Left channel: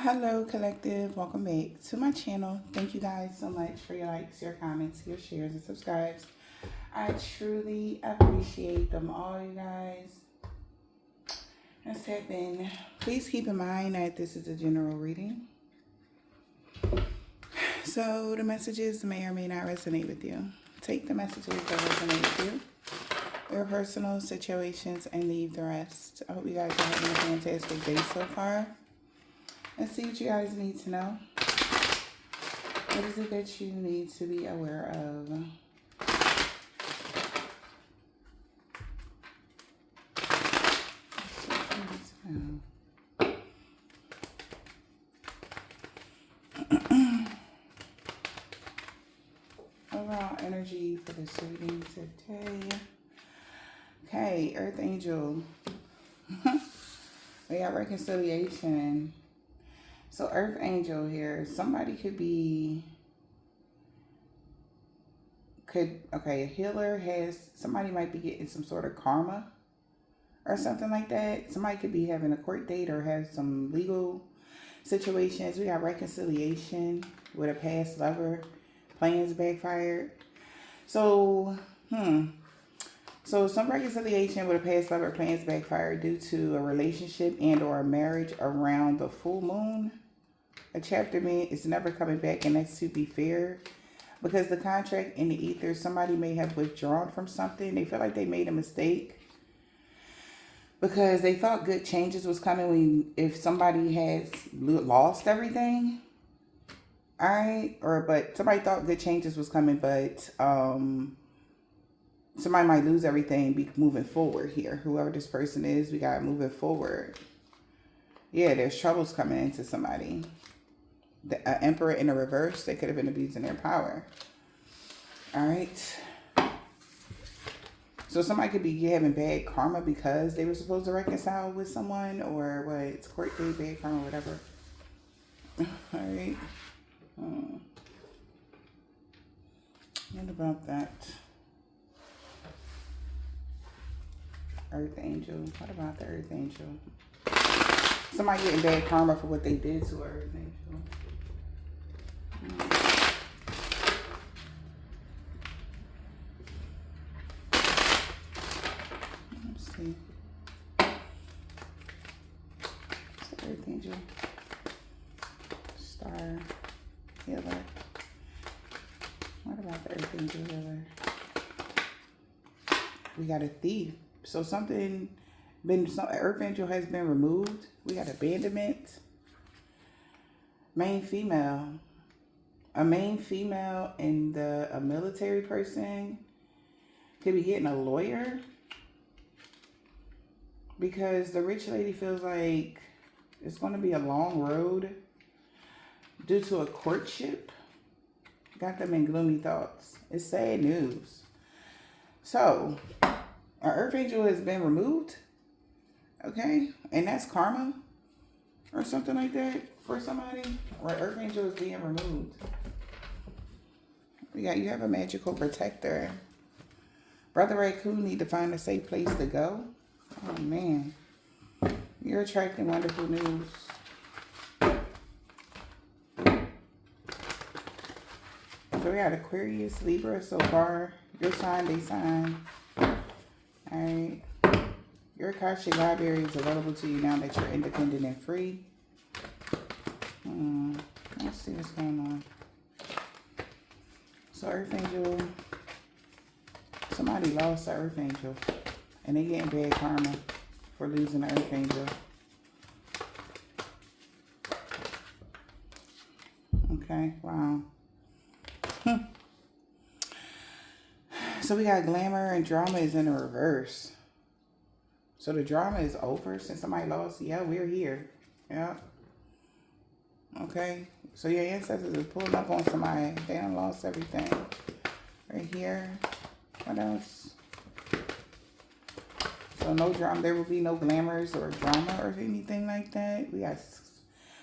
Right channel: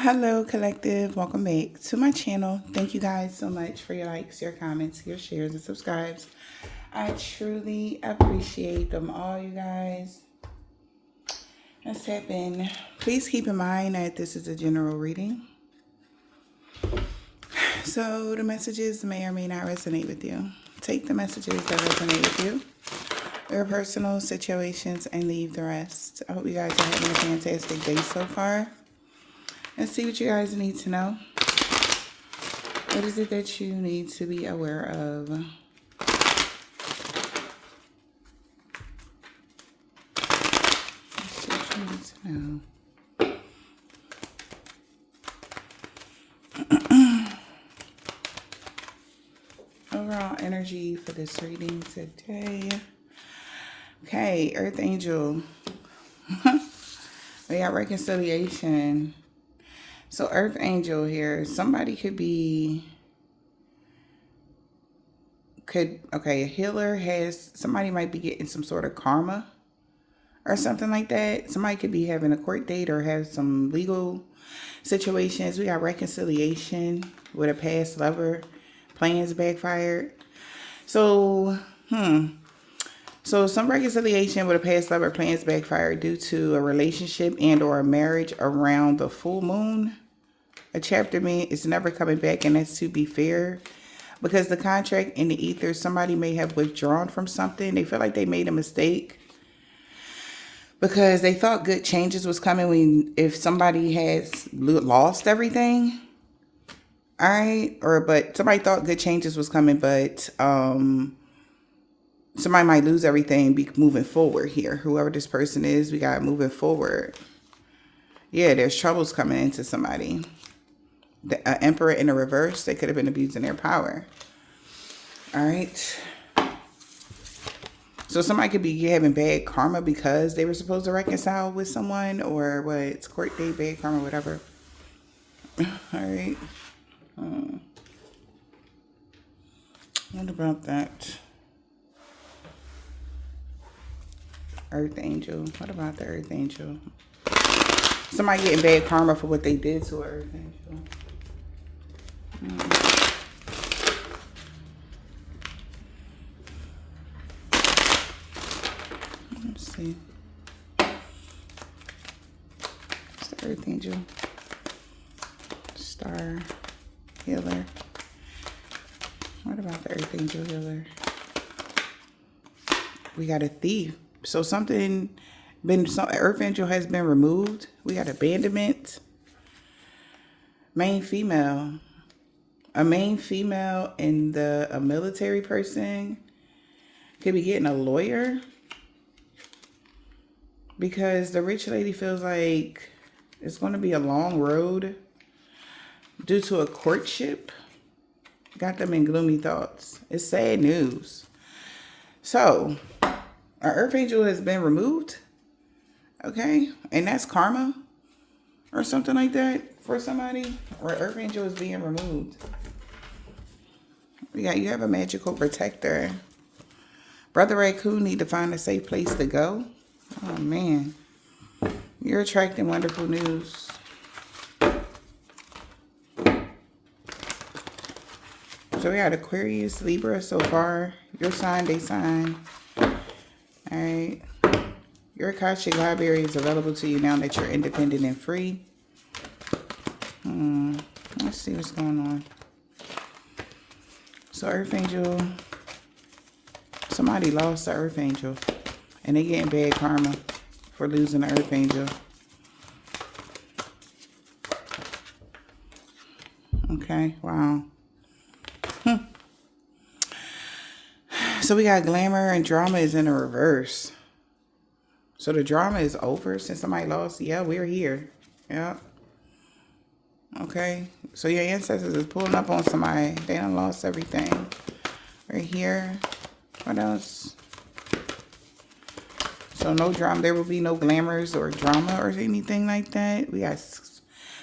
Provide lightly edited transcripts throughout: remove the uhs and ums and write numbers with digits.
Hello, collective. Welcome back to my channel. Thank you guys so much for your likes, your comments, your shares, and subscribes. I truly appreciate them all, you guys. Let's tap in. Please keep in mind that this is a general reading. So the messages may or may not resonate with you. Take the messages that resonate with you, your personal situations, and leave the rest. I hope you guys are having a fantastic day so far. Let's see what you guys need to know. What is it that you need to be aware of? Let's see what you need to know. Overall energy for this reading today. Okay, Earth Angel. We got reconciliation. So Earth Angel here, somebody a healer somebody might be getting some sort of karma or something like that. Somebody could be having a court date or have some legal situations. We got reconciliation with a past lover. Plans backfired. So some reconciliation with a past lover, plans backfired due to a relationship and or a marriage around the full moon. A chapter means it's never coming back, and that's to be fair. Because the contract in the ether, somebody may have withdrawn from something. They feel like they made a mistake. Because they thought good changes was coming if somebody has lost everything. All right. But somebody thought good changes was coming, but somebody might lose everything be moving forward here. Whoever this person is, we got moving forward. Yeah, there's troubles coming into somebody. The Emperor in the reverse, they could have been abusing their power. All right. So somebody could be having bad karma because they were supposed to reconcile with someone, or what? It's court date, bad karma, whatever. All right. What about that? Earth Angel. What about the Earth Angel? Somebody getting bad karma for what they did to Earth Angel. Let's see. It's the Earth Angel. Star Healer. What about the Earth Angel Healer? We got a thief. So Earth Angel has been removed. We got abandonment. Main female. A main female and a military person could be getting a lawyer. Because the rich lady feels like it's going to be a long road due to a courtship. Got them in gloomy thoughts. It's sad news. So, our Earth Angel has been removed. Okay? And that's karma or something like that for somebody. Or Earth Angel is being removed. You have a magical protector. Brother Raccoon need to find a safe place to go. Oh, man. You're attracting wonderful news. So we got Aquarius, Libra so far. Your sign, they sign. All right. Your Akashic Library is available to you now that you're independent and free. Let's see what's going on. So Earth Angel, somebody lost the Earth Angel. And they getting bad karma for losing the Earth Angel. Okay, wow. So we got glamour and drama is in a reverse. So the drama is over since somebody lost. Yeah, we're here. Yeah. Okay. So your ancestors is pulling up on somebody. They done lost everything. Right here. What else? So no drama. There will be no glamours or drama or anything like that. We got,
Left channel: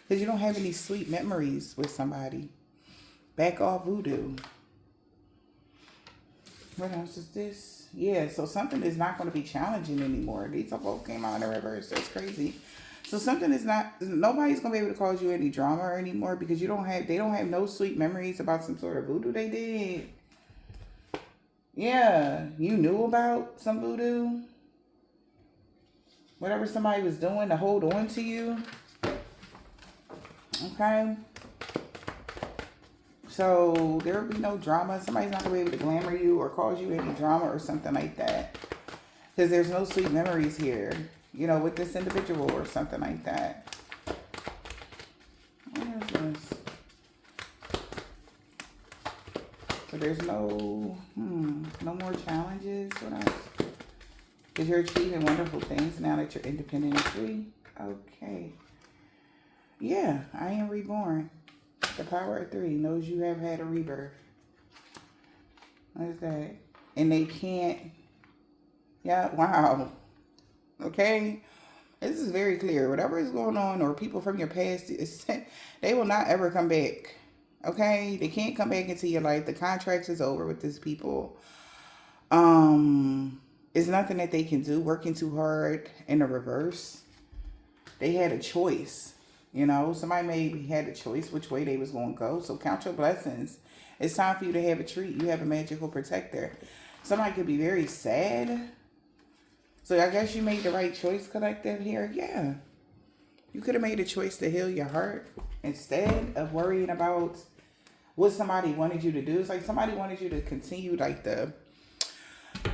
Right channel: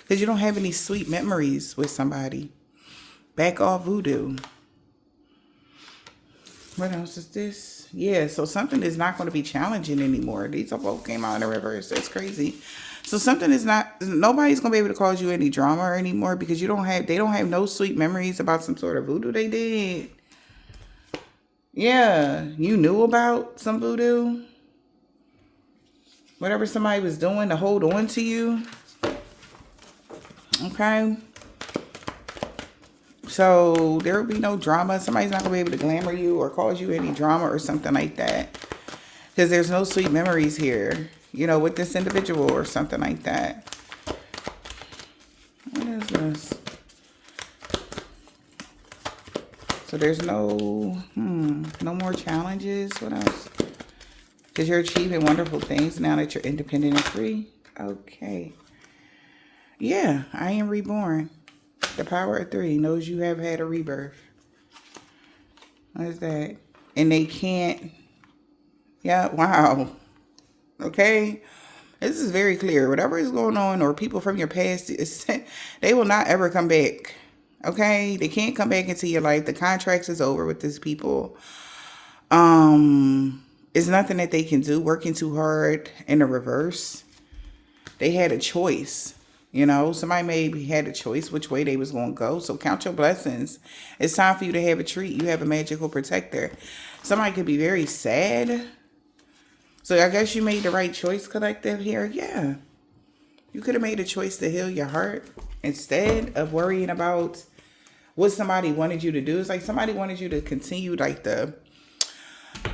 because you don't have any sweet memories with somebody. Back off voodoo. What else is this? Yeah, so something is not going to be challenging anymore. These both came out in the reverse. That's crazy. So something is not, nobody's gonna be able to cause you any drama anymore because they don't have no sweet memories about some sort of voodoo they did. Yeah, you knew about some voodoo. Whatever somebody was doing to hold on to you. Okay. So there will be no drama. Somebody's not gonna be able to glamour you or cause you any drama or something like that. Because there's no sweet memories here, you know, with this individual or something like that. What is this? So there's no more challenges. What else? Because you're achieving wonderful things now that you're independent and free. Okay. Yeah, I am reborn. The power of 3 knows you have had a rebirth. What is that? And they can't. Yeah, wow. Okay. This is very clear. Whatever is going on or people from your past, they will not ever come back. Okay? They can't come back into your life. The contract is over with these people. It's nothing that they can do. Working too hard in the reverse. They had a choice. You know, somebody maybe had a choice which way they was going to go. So count your blessings. It's time for you to have a treat. You have a magical protector. Somebody could be very sad. So I guess you made the right choice, collective, here. Yeah. You could have made a choice to heal your heart instead of worrying about what somebody wanted you to do. It's like somebody wanted you to continue like the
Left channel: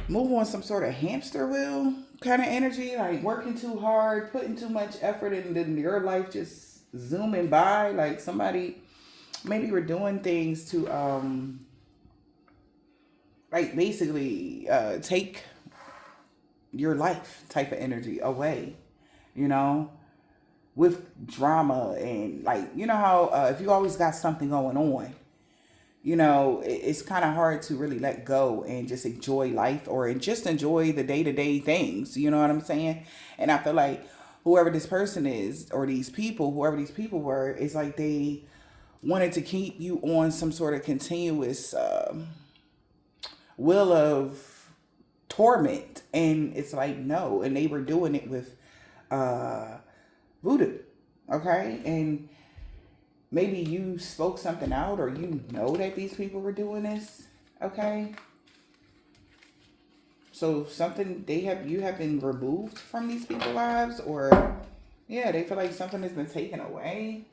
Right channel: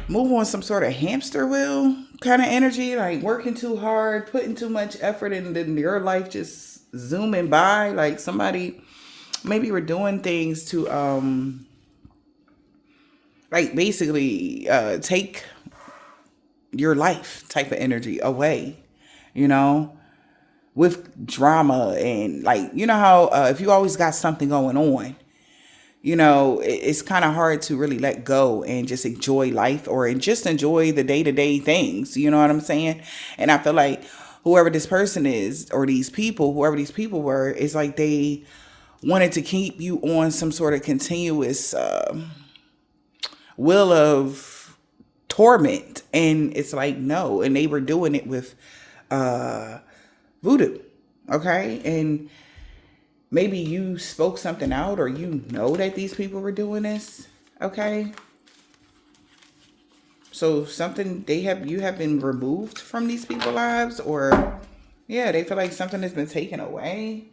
move on some sort of hamster wheel kind of energy, like working too hard, putting too much effort, and then your life just zooming by. Like somebody maybe were doing things to like basically take your life type of energy away, you know, with drama and like, you know how if you always got something going on, you know, it's kind of hard to really let go and just enjoy life or just enjoy the day-to-day things. You know what I'm saying? And I feel like whoever this person is or these people, whoever these people were, it's like they wanted to keep you on some sort of continuous will of torment. And it's like, no. And they were doing it with voodoo. Okay? And maybe you spoke something out or you know that these people were doing this, okay? So something you have been removed from these people's lives or, yeah, they feel like something has been taken away.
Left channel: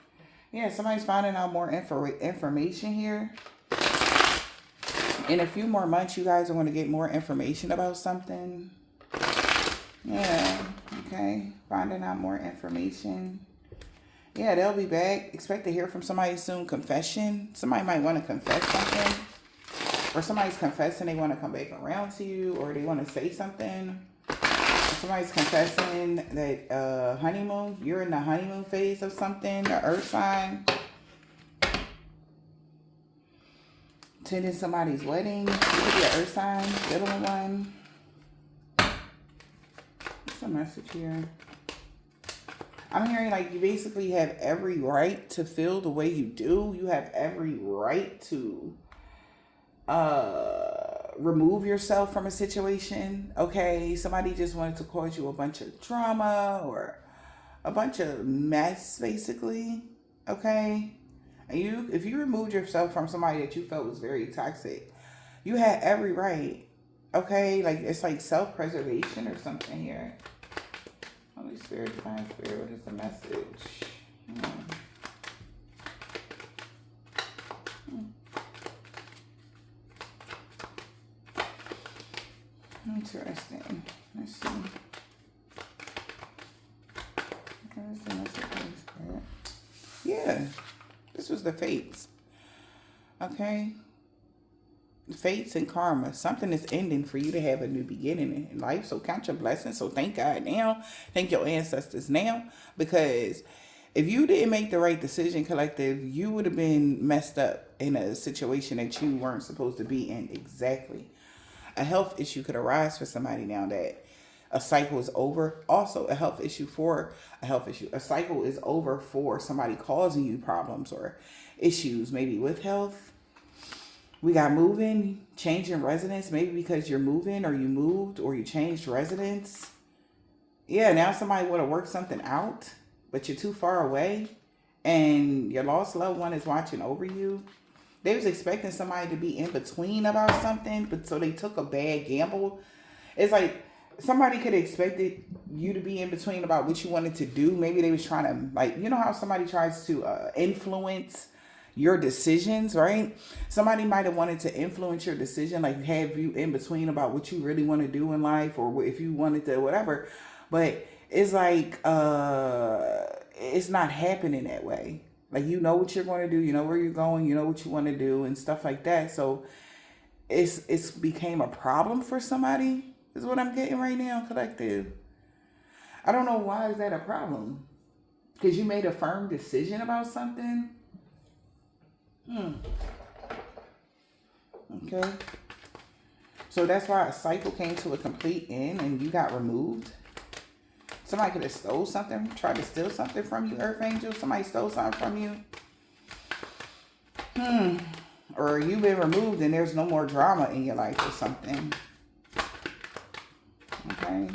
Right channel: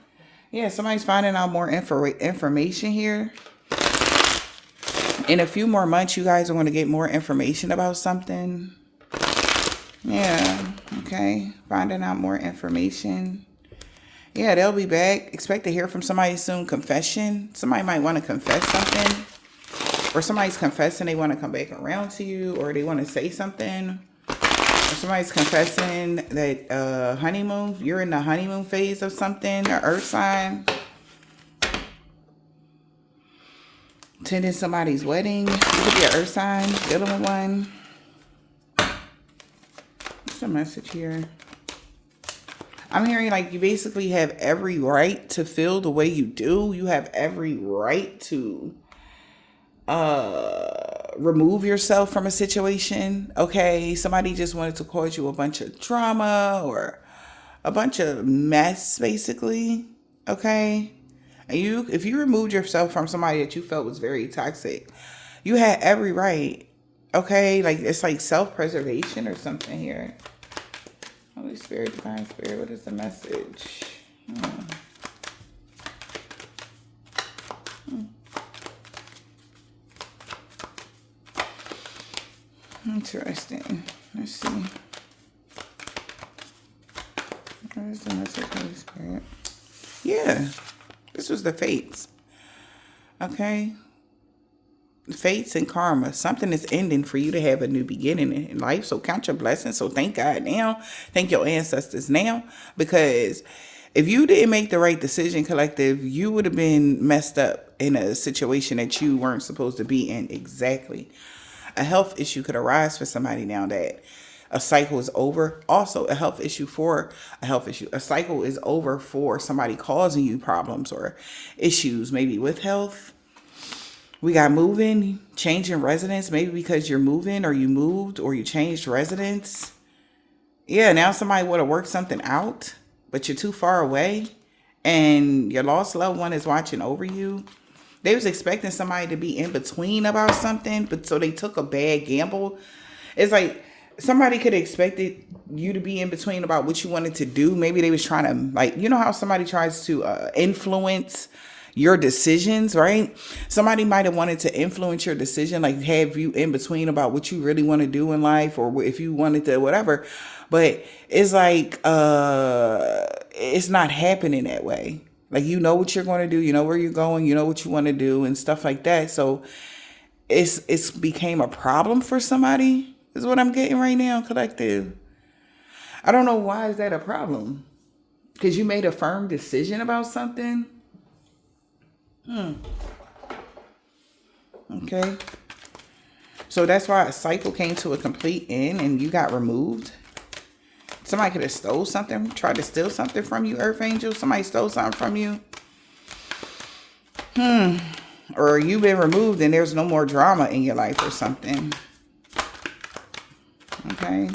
Yeah, somebody's finding out more information here. In a few more months, you guys are going to get more information about something. Yeah, okay, finding out more information. Yeah, they'll be back. Expect to hear from somebody soon. Confession. Somebody might want to confess something. Or somebody's confessing they want to come back around to you. Or they want to say something. Or somebody's confessing that honeymoon. You're in the honeymoon phase of something. Or earth sign. Attending somebody's wedding. You could be an earth sign. Dealing with one. What's the message here? I'm hearing like you basically have every right to feel the way you do. You have every right to remove yourself from a situation. Okay, somebody just wanted to cause you a bunch of drama or a bunch of mess, basically. Okay, and if you removed yourself from somebody that you felt was very toxic, you had every right. Okay, like it's like self-preservation or something here. Holy Spirit, Divine Spirit, what is the message? Interesting. Let's see. What is the message, Holy Spirit? Yeah, this was the fates. Okay. Fates and karma. Something is ending for you to have a new beginning in life. So count your blessings. So thank God now. Thank your ancestors now. Because if you didn't make the right decision, collective, you would have been messed up in a situation that you weren't supposed to be in. Exactly. A health issue could arise for somebody now that a cycle is over. Also, a cycle is over for somebody causing you problems or issues, maybe with health. We got moving, changing residence, maybe because you're moving or you moved or you changed residence. Yeah, now somebody would have worked something out. but you're too far away and your lost loved one is watching over you. They was expecting somebody to be in between about something, but so they took a bad gamble. It's like somebody could have expected you to be in between about what you wanted to do. Maybe they was trying to, like, you know how somebody tries to influence your decisions, right? Somebody might have wanted to influence your decision, like have you in between about what you really want to do in life, or if you wanted to whatever. But it's like it's not happening that way. Like, you know what you're going to do, you know where you're going, you know what you want to do and stuff like that. So it's became a problem for somebody is what I'm getting right now, collective. I don't know, why is that a problem? Because you made a firm decision about something. Okay. So that's why a cycle came to a complete end and you got removed. Somebody could have stole something, tried to steal something from you, Earth Angel. Somebody stole something from you. Or you've been removed and there's no more drama in your life or something. Okay.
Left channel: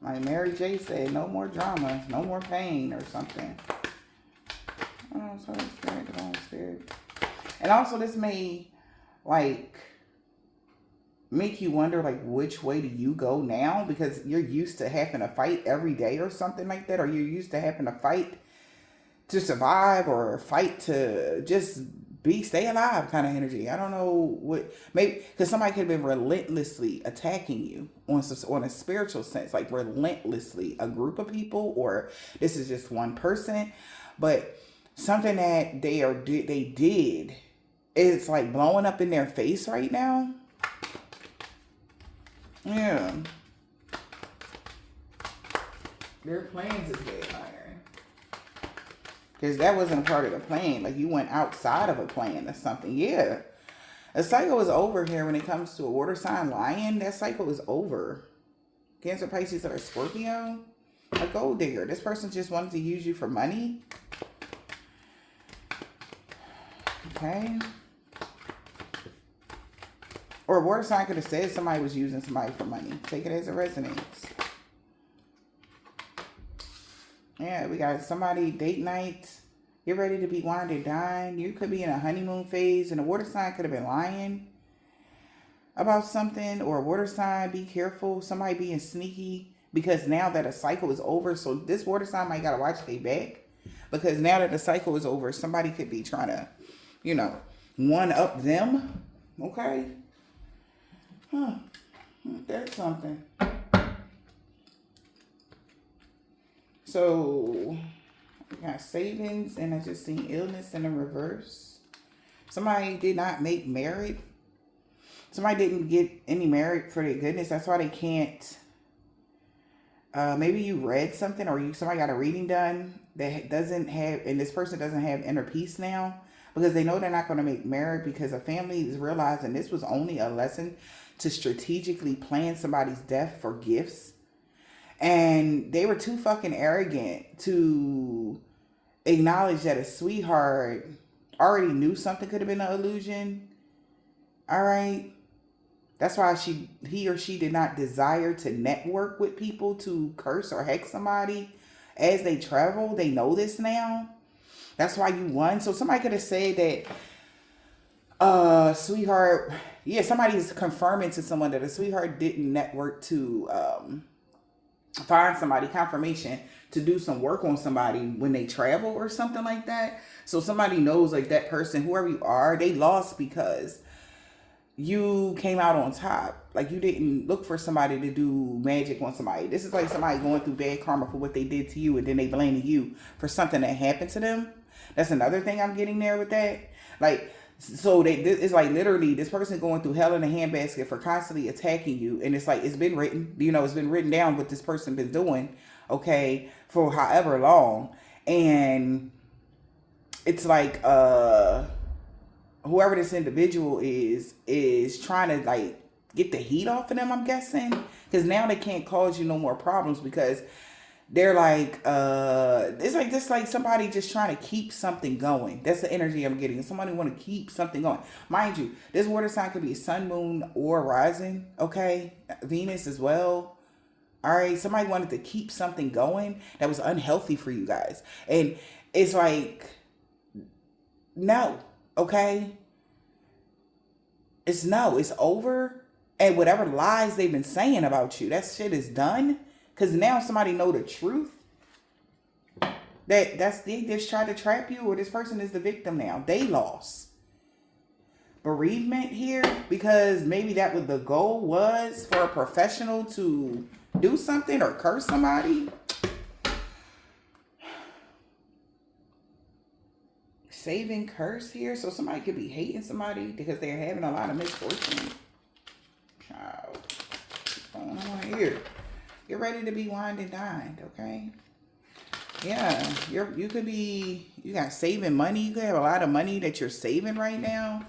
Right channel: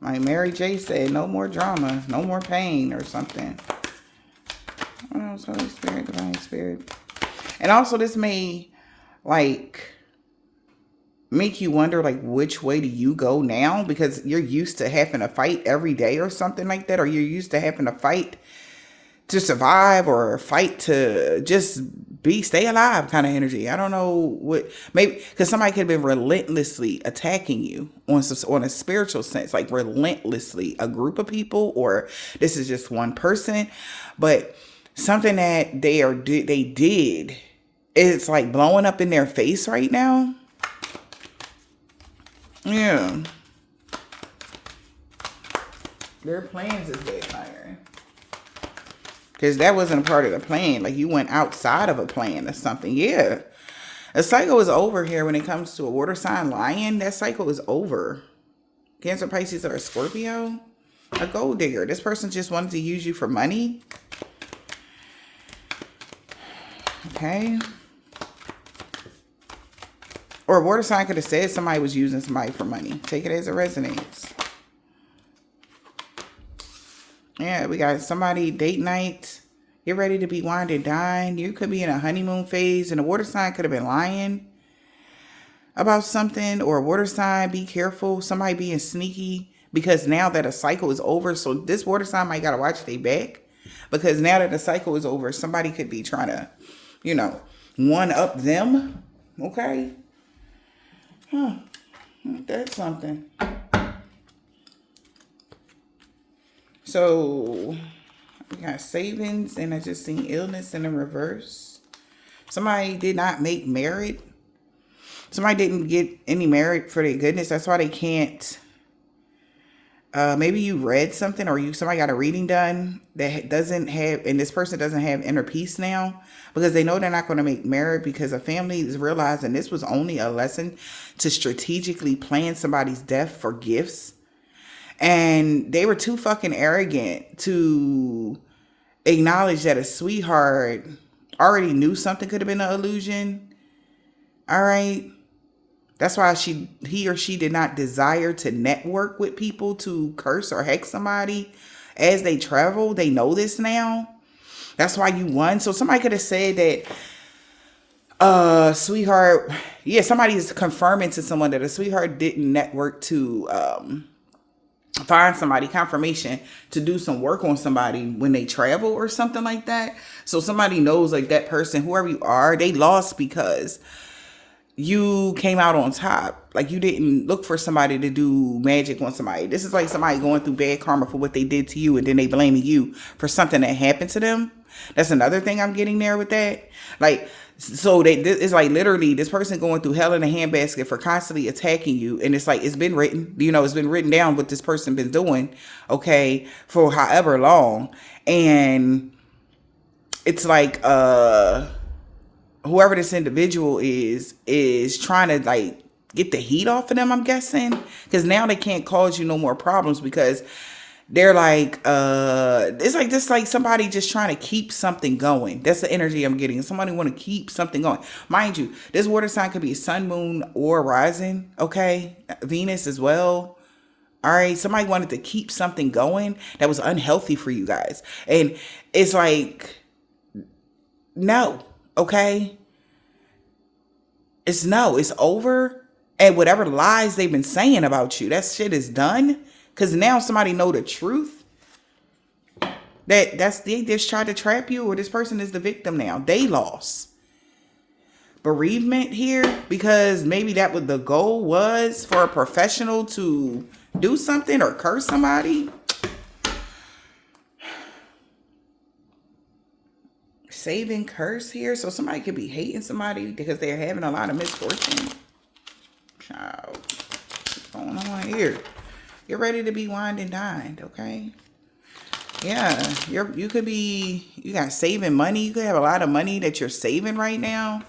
Like Mary J said, no more drama, no more pain or something. Oh, Holy Spirit, Divine Spirit. And also this may, like, make you wonder, like, which way do you go now? Because you're used to having to fight every day or something like that. Or you're used to having to fight to survive or fight to just stay alive kind of energy. I don't know what, maybe because somebody could have been relentlessly attacking you on a spiritual sense, like relentlessly, a group of people, or this is just one person, but something that they did is like blowing up in their face right now. Yeah. Their plans is backfiring. Because that wasn't a part of the plan. Like, you went outside of a plan or something. Yeah. A cycle is over here when it comes to a water sign lion. That cycle is over. Cancer, Pisces, or a Scorpio. A gold digger. This person just wanted to use you for money. Okay. Or a water sign could have said somebody was using somebody for money. Take it as it resonates. Yeah, we got somebody, date night. Get ready to be wined and dined. You could be in a honeymoon phase. And a water sign could have been lying about something. Or a water sign, be careful. Somebody being sneaky. Because now that a cycle is over. So this water sign might got to watch their back. Because now that the cycle is over, somebody could be trying to, you know, one up them. Okay. That's something. So we got savings, and I just seen illness in the reverse. Somebody did not make merit. Somebody didn't get any merit for their goodness. That's why they can't. Maybe you read something, or somebody got a reading done that doesn't have, and this person doesn't have inner peace now. Because they know they're not going to make merit, because a family is realizing this was only a lesson to strategically plan somebody's death for gifts. And they were too fucking arrogant to acknowledge that a sweetheart already knew something could have been an illusion. All right. That's why he or she did not desire to network with people to curse or hex somebody as they travel. They know this now. That's why you won. So somebody could have said that, sweetheart, yeah, somebody is confirming to someone that a sweetheart didn't network to find somebody, confirmation to do some work on somebody when they travel or something like that. So somebody knows, like, that person, whoever you are, they lost because you came out on top. Like, you didn't look for somebody to do magic on somebody. This is like somebody going through bad karma for what they did to you, and then they blaming you for something that happened to them. That's another thing I'm getting there with that. Like, so it's like literally this person going through hell in a handbasket for constantly attacking you. And it's like, it's been written, you know, it's been written down what this person been doing, okay, for however long. And it's like, whoever this individual is trying to, like, get the heat off of them, I'm guessing. Because now they can't cause you no more problems, because they're like, it's like just like somebody just trying to keep something going. That's the energy I'm getting. Somebody want to keep something going. Mind you, this water sign could be sun, moon, or rising. Okay. Venus as well. All right. Somebody wanted to keep something going that was unhealthy for you guys. And it's like, no. Okay. It's no. It's over. And whatever lies they've been saying about you, that shit is done. Because now somebody know the truth. They just tried to trap you, or this person is the victim now. They lost. Bereavement here, because maybe that what the goal was for a professional to do something or curse somebody. Saving curse here, so somebody could be hating somebody because they're having a lot of misfortune. Child, what's going on here? You're ready to be wined and dined, okay? Yeah, you could be, you got saving money. You could have a lot of money that you're saving right now.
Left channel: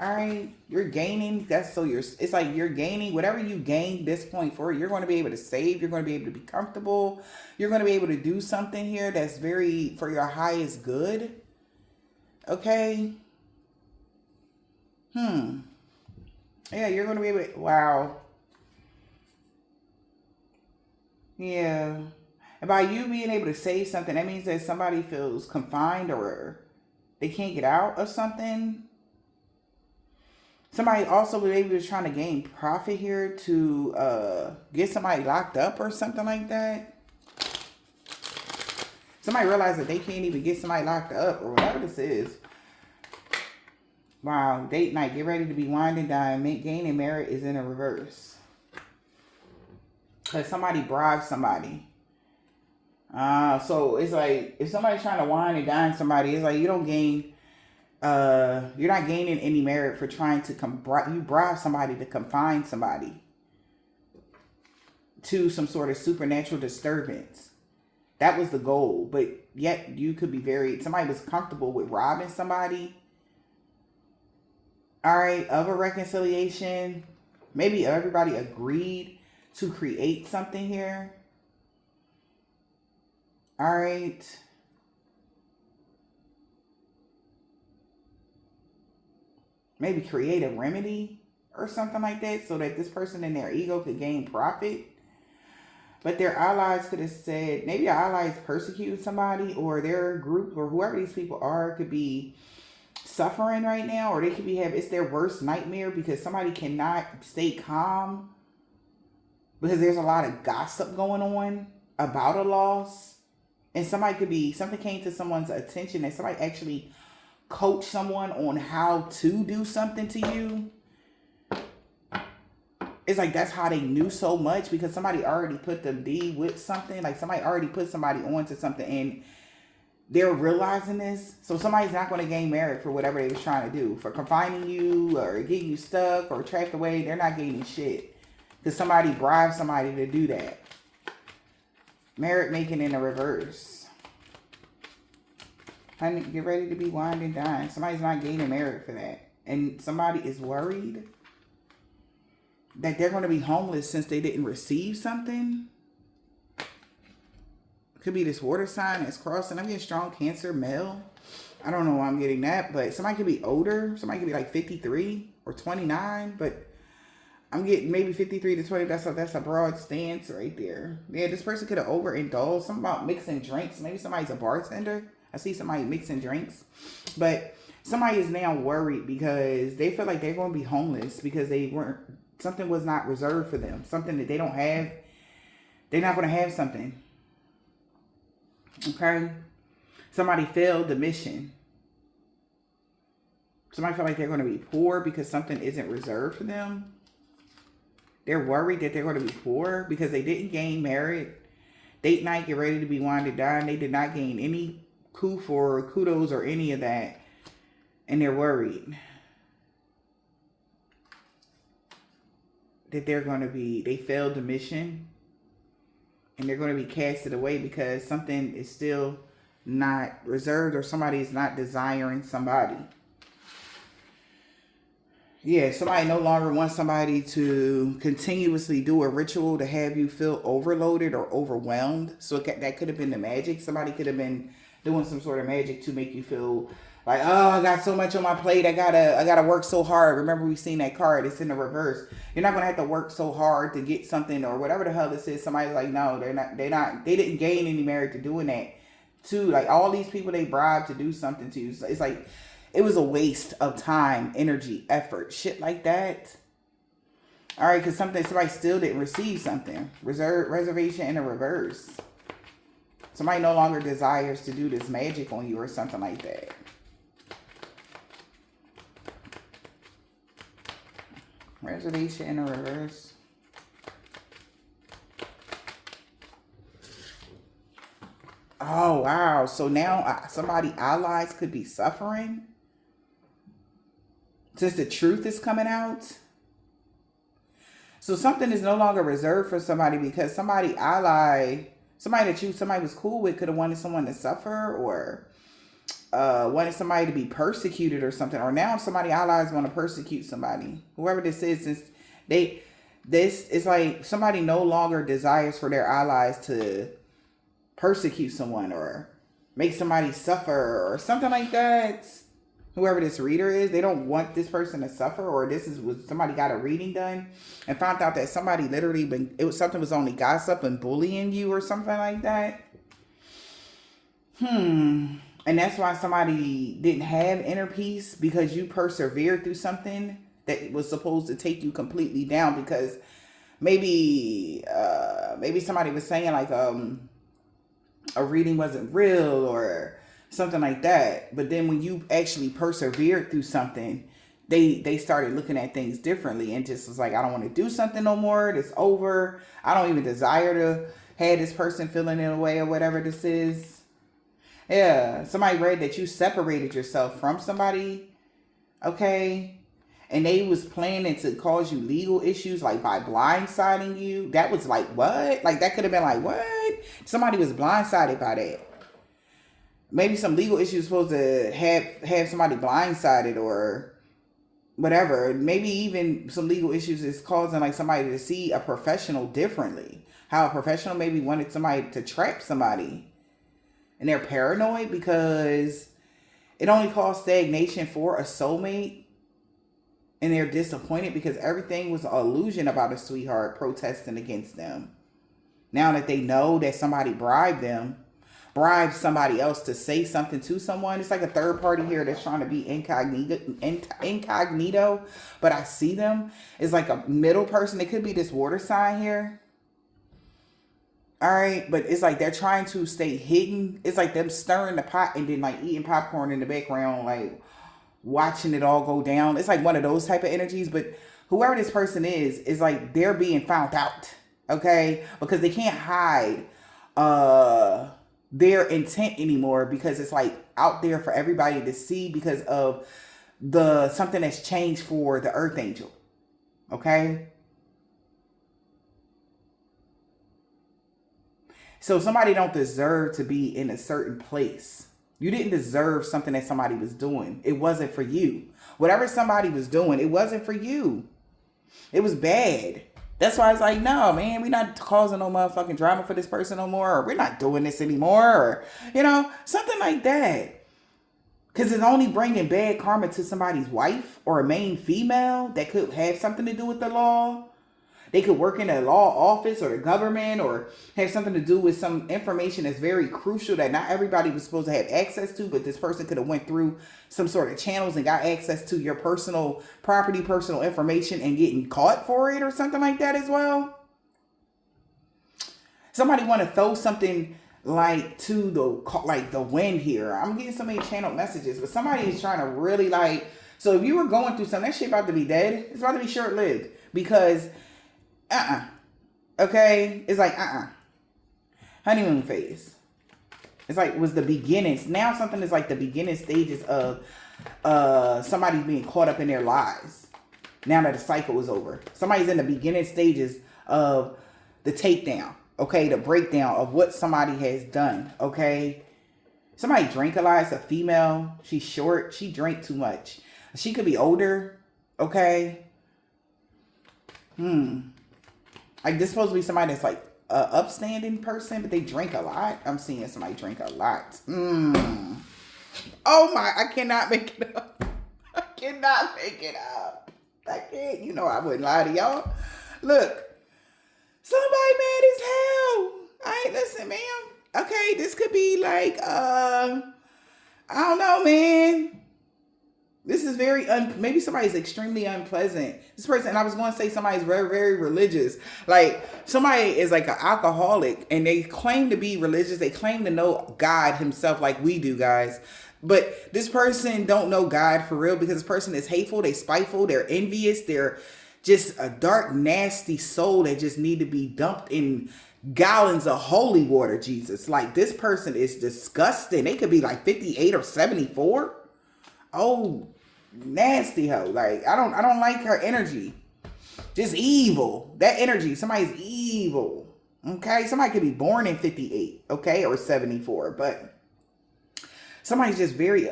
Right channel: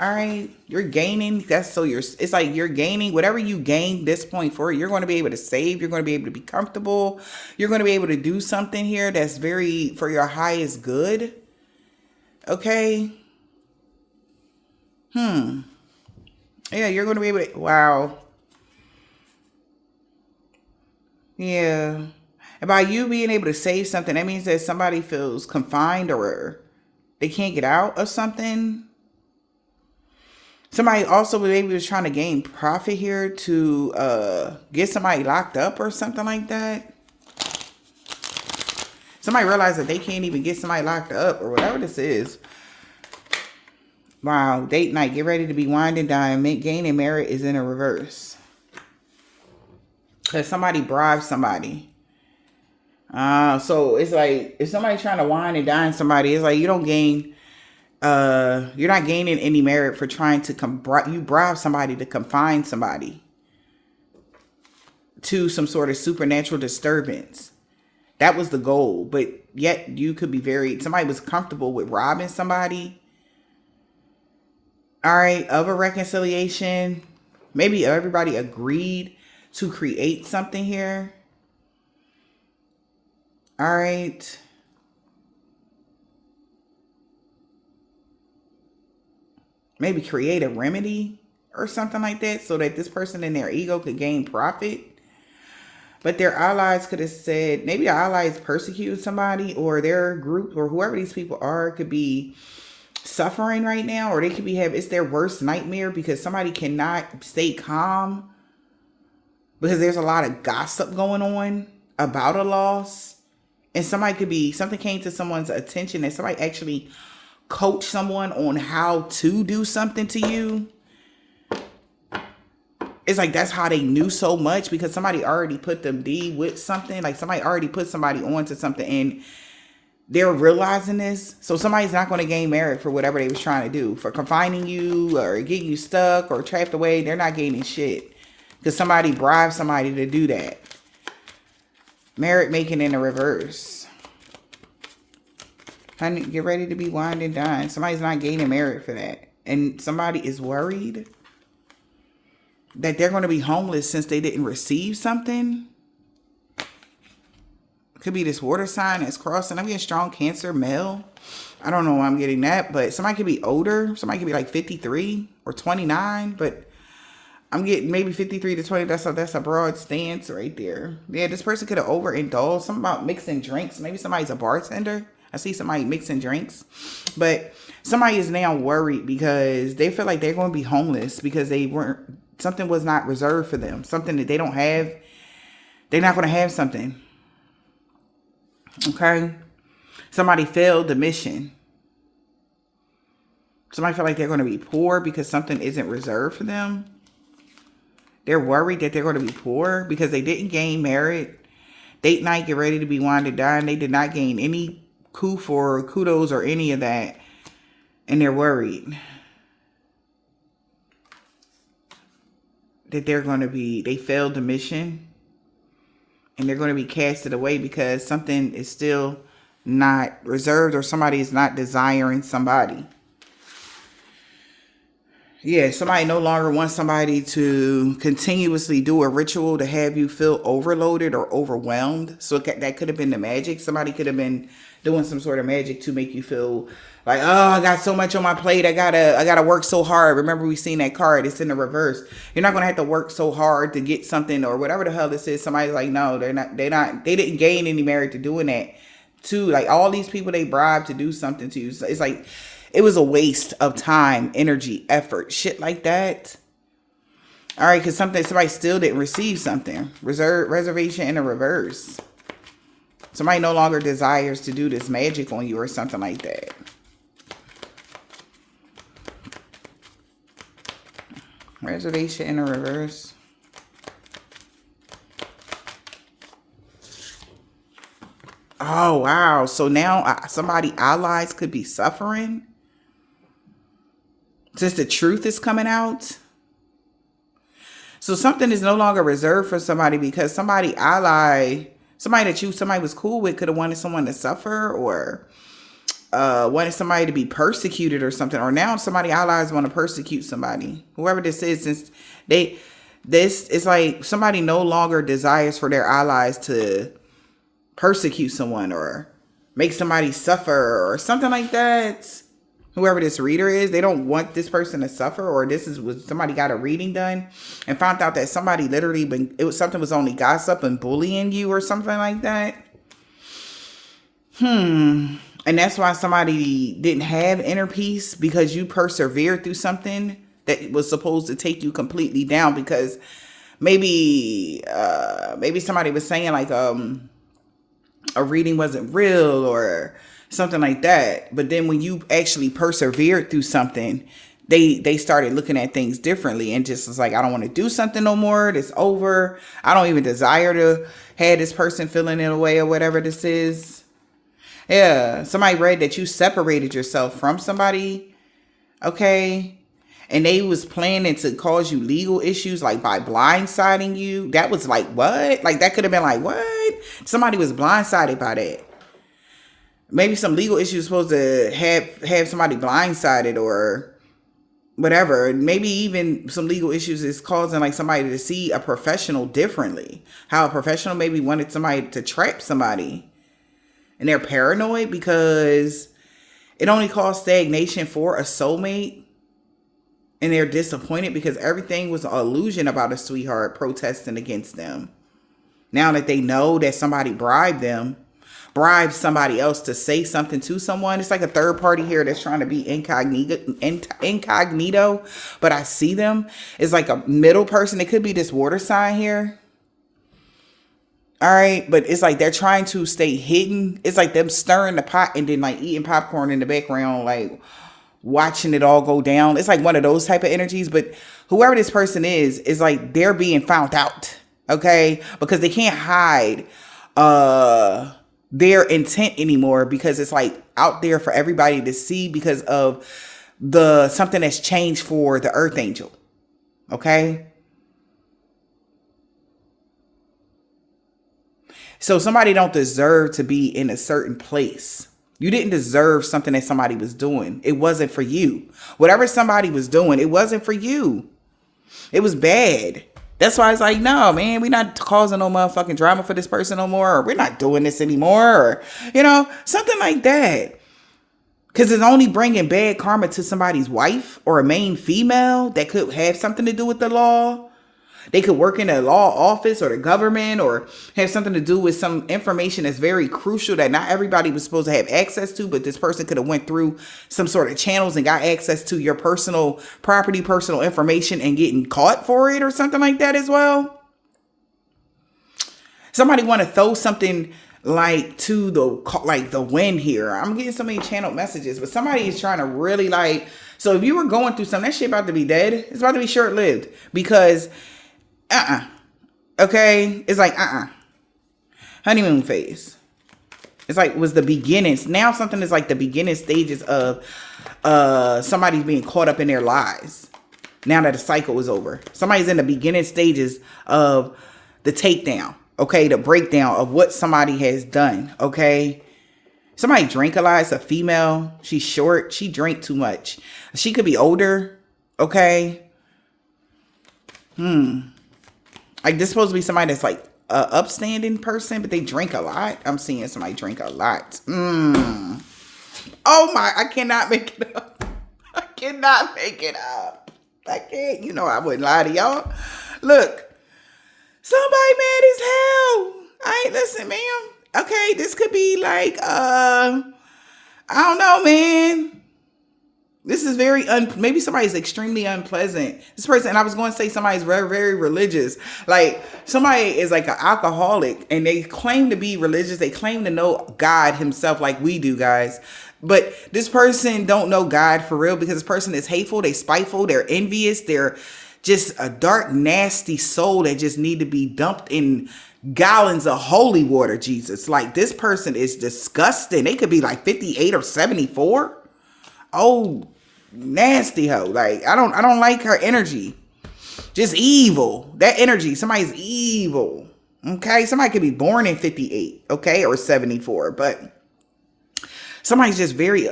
All right, you're gaining. It's like you're gaining whatever you gain this point for. You're going to be able to save. You're going to be able to be comfortable. You're going to be able to do something here that's very for your highest good. Okay. Yeah, you're going to be able to. Wow. Yeah. And by you being able to save something, that means that somebody feels confined or they can't get out of something. Somebody also maybe was trying to gain profit here to get somebody locked up or something like that. Somebody realized that they can't even get somebody locked up or whatever this is. Wow, date night. Get ready to be wined and dined. Gaining merit is in a reverse. Because somebody bribed somebody. So it's like if somebody's trying to wine and dine somebody, it's like you don't gain... you're not gaining any merit for trying to you bribe somebody to confine somebody to some sort of supernatural disturbance. That was the goal, but yet you could be somebody was comfortable with robbing somebody. All right, of a reconciliation. Maybe everybody agreed to create something here. All right. Maybe create a remedy or something like that so that this person and their ego could gain profit. But their allies could have said, maybe their allies persecuted somebody, or their group or whoever these people are could be suffering right now, or they could be it's their worst nightmare because somebody cannot stay calm because there's a lot of gossip going on about a loss. And something came to someone's attention and somebody actually coach someone on how to do something to you. It's like that's how they knew so much, because somebody already put them with something. Like somebody already put somebody onto something and they're realizing this. So somebody's not going to gain merit for whatever they was trying to do, for confining you or getting you stuck or trapped away. They're not gaining shit because somebody bribed somebody to do that. Merit making in the reverse. Honey, get ready to be wined and dined. Somebody's not gaining merit for that. And somebody is worried that they're going to be homeless since they didn't receive something. Could be this water sign that's crossing. I'm getting strong Cancer, male. I don't know why I'm getting that, but somebody could be older. Somebody could be like 53 or 29, but I'm getting maybe 53 to 20. That's a broad stance right there. Yeah, this person could have overindulged. Something about mixing drinks. Maybe somebody's a bartender. I see somebody mixing drinks. But somebody is now worried because they feel like they're going to be homeless because something was not reserved for them. Something that they don't have. They're not going to have something. Okay? Somebody failed the mission. Somebody feel like they're going to be poor because something isn't reserved for them. They're worried that they're going to be poor because they didn't gain merit. Date night, get ready to be wined and dined. They did not gain any kudos or any of that. And they're worried that they failed the mission. And they're going to be casted away because something is still not reserved, or somebody is not desiring somebody. Yeah, somebody no longer wants somebody to continuously do a ritual to have you feel overloaded or overwhelmed. So that could have been the magic. Somebody could have been doing some sort of magic to make you feel like, oh, I got so much on my plate. I gotta work so hard. Remember, we seen that card. It's in the reverse. You're not gonna have to work so hard to get something or whatever the hell this is. Somebody's like, no, they didn't gain any merit to doing that. To like all these people they bribed to do something to you. So it's like it was a waste of time, energy, effort, shit like that. All right, because somebody still didn't receive something. Reservation in the reverse. Somebody no longer desires to do this magic on you or something like that. Reservation in the reverse. Oh, wow. So now somebody allies could be suffering. Since the truth is coming out. So something is no longer reserved for somebody because somebody was cool with could have wanted someone to suffer or wanted somebody to be persecuted or something. Or now somebody allies want to persecute somebody. Whoever this is, since this is like somebody no longer desires for their allies to persecute someone or make somebody suffer or something like that. Whoever this reader is, they don't want this person to suffer, or this is what somebody got a reading done and found out that somebody literally something was only gossip and bullying you or something like that. And that's why somebody didn't have inner peace, because you persevered through something that was supposed to take you completely down, because maybe somebody was saying like a reading wasn't real or something like that. But then when you actually persevered through something, they started looking at things differently and just was like, I don't want to do something no more. It's over. I don't even desire to have this person feeling in a way or whatever this is. Yeah. Somebody read that you separated yourself from somebody. Okay. And they was planning to cause you legal issues, like by blindsiding you. That was like, what? Like that could have been like, what? Somebody was blindsided by that. Maybe some legal issues supposed to have somebody blindsided or whatever. Maybe even some legal issues is causing like somebody to see a professional differently. How a professional maybe wanted somebody to trap somebody. And they're paranoid because it only caused stagnation for a soulmate. And they're disappointed because everything was an illusion about a sweetheart protesting against them. Now that they know that somebody bribed somebody else to say something to someone. It's like a third party here that's trying to be incognito, but I see them. It's like a middle person. It could be this water sign here. All right. But it's like they're trying to stay hidden. It's like them stirring the pot and then like eating popcorn in the background, like watching it all go down. It's like one of those type of energies. But whoever this person is like they're being found out. Okay. Because they can't hide their intent anymore, because it's like out there for everybody to see because of something that's changed for the earth angel. Okay. So somebody don't deserve to be in a certain place. You didn't deserve something that somebody was doing. It wasn't for you. Whatever somebody was doing, it wasn't for you. It was bad. That's why it's like, no, man, we're not causing no motherfucking drama for this person no more. Or we're not doing this anymore. Or, something like that. Because it's only bringing bad karma to somebody's wife or a main female that could have something to do with the law. They could work in a law office or the government or have something to do with some information that's very crucial that not everybody was supposed to have access to, but this person could have went through some sort of channels and got access to your personal property, personal information, and getting caught for it or something like that as well. Somebody want to throw something like to the wind here. I'm getting so many channeled messages, but somebody is trying to really so if you were going through something, that shit about to be dead. It's about to be short-lived because okay, it's like honeymoon phase. It's like was the beginnings. Now something is like the beginning stages of somebody being caught up in their lies. Now that the cycle is over, somebody's in the beginning stages of the takedown. Okay, the breakdown of what somebody has done. Okay, somebody drink a lot. It's a female. She's short. She drank too much. She could be older. Okay. Like this supposed to be somebody that's like a upstanding person, but they drink a lot. I'm seeing somebody drink a lot. Oh my, I cannot make it up. I cannot make it up. I can't. You know I wouldn't lie to y'all. Look, somebody mad as hell. Listen, ma'am. Okay, this could be like, I don't know, man. This is very, maybe somebody's extremely unpleasant. This person, and I was going to say somebody's very, very religious. Like, somebody is like an alcoholic, and they claim to be religious. They claim to know God himself like we do, guys. But this person don't know God for real, because this person is hateful, they spiteful, they're envious, they're just a dark, nasty soul that just need to be dumped in gallons of holy water, Jesus. Like, this person is disgusting. They could be like 58 or 74. Oh, nasty hoe. Like, I don't like her energy. Just evil. That energy. Somebody's evil. Okay? Somebody could be born in 58, okay, or 74, but somebody's just very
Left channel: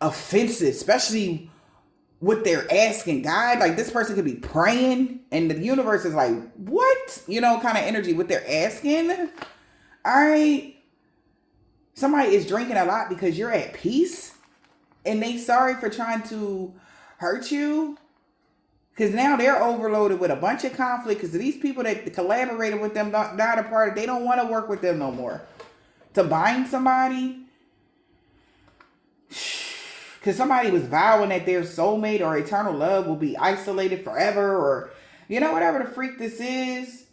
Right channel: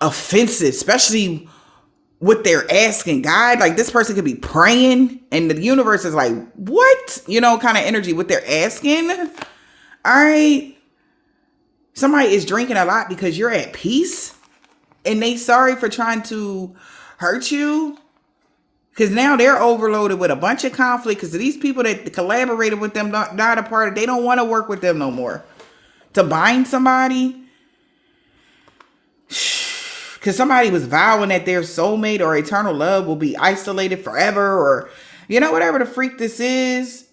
offensive, especially what they're asking God. Like, this person could be praying and the universe is like, what? You know, kind of energy, what they're asking. All right. Somebody is drinking a lot because you're at peace and they sorry for trying to hurt you. Because now they're overloaded with a bunch of conflict because these people that collaborated with them not a part of, they don't want to work with them no more. To bind somebody. Because somebody was vowing that their soulmate or eternal love will be isolated forever, or, you know, whatever the freak this is.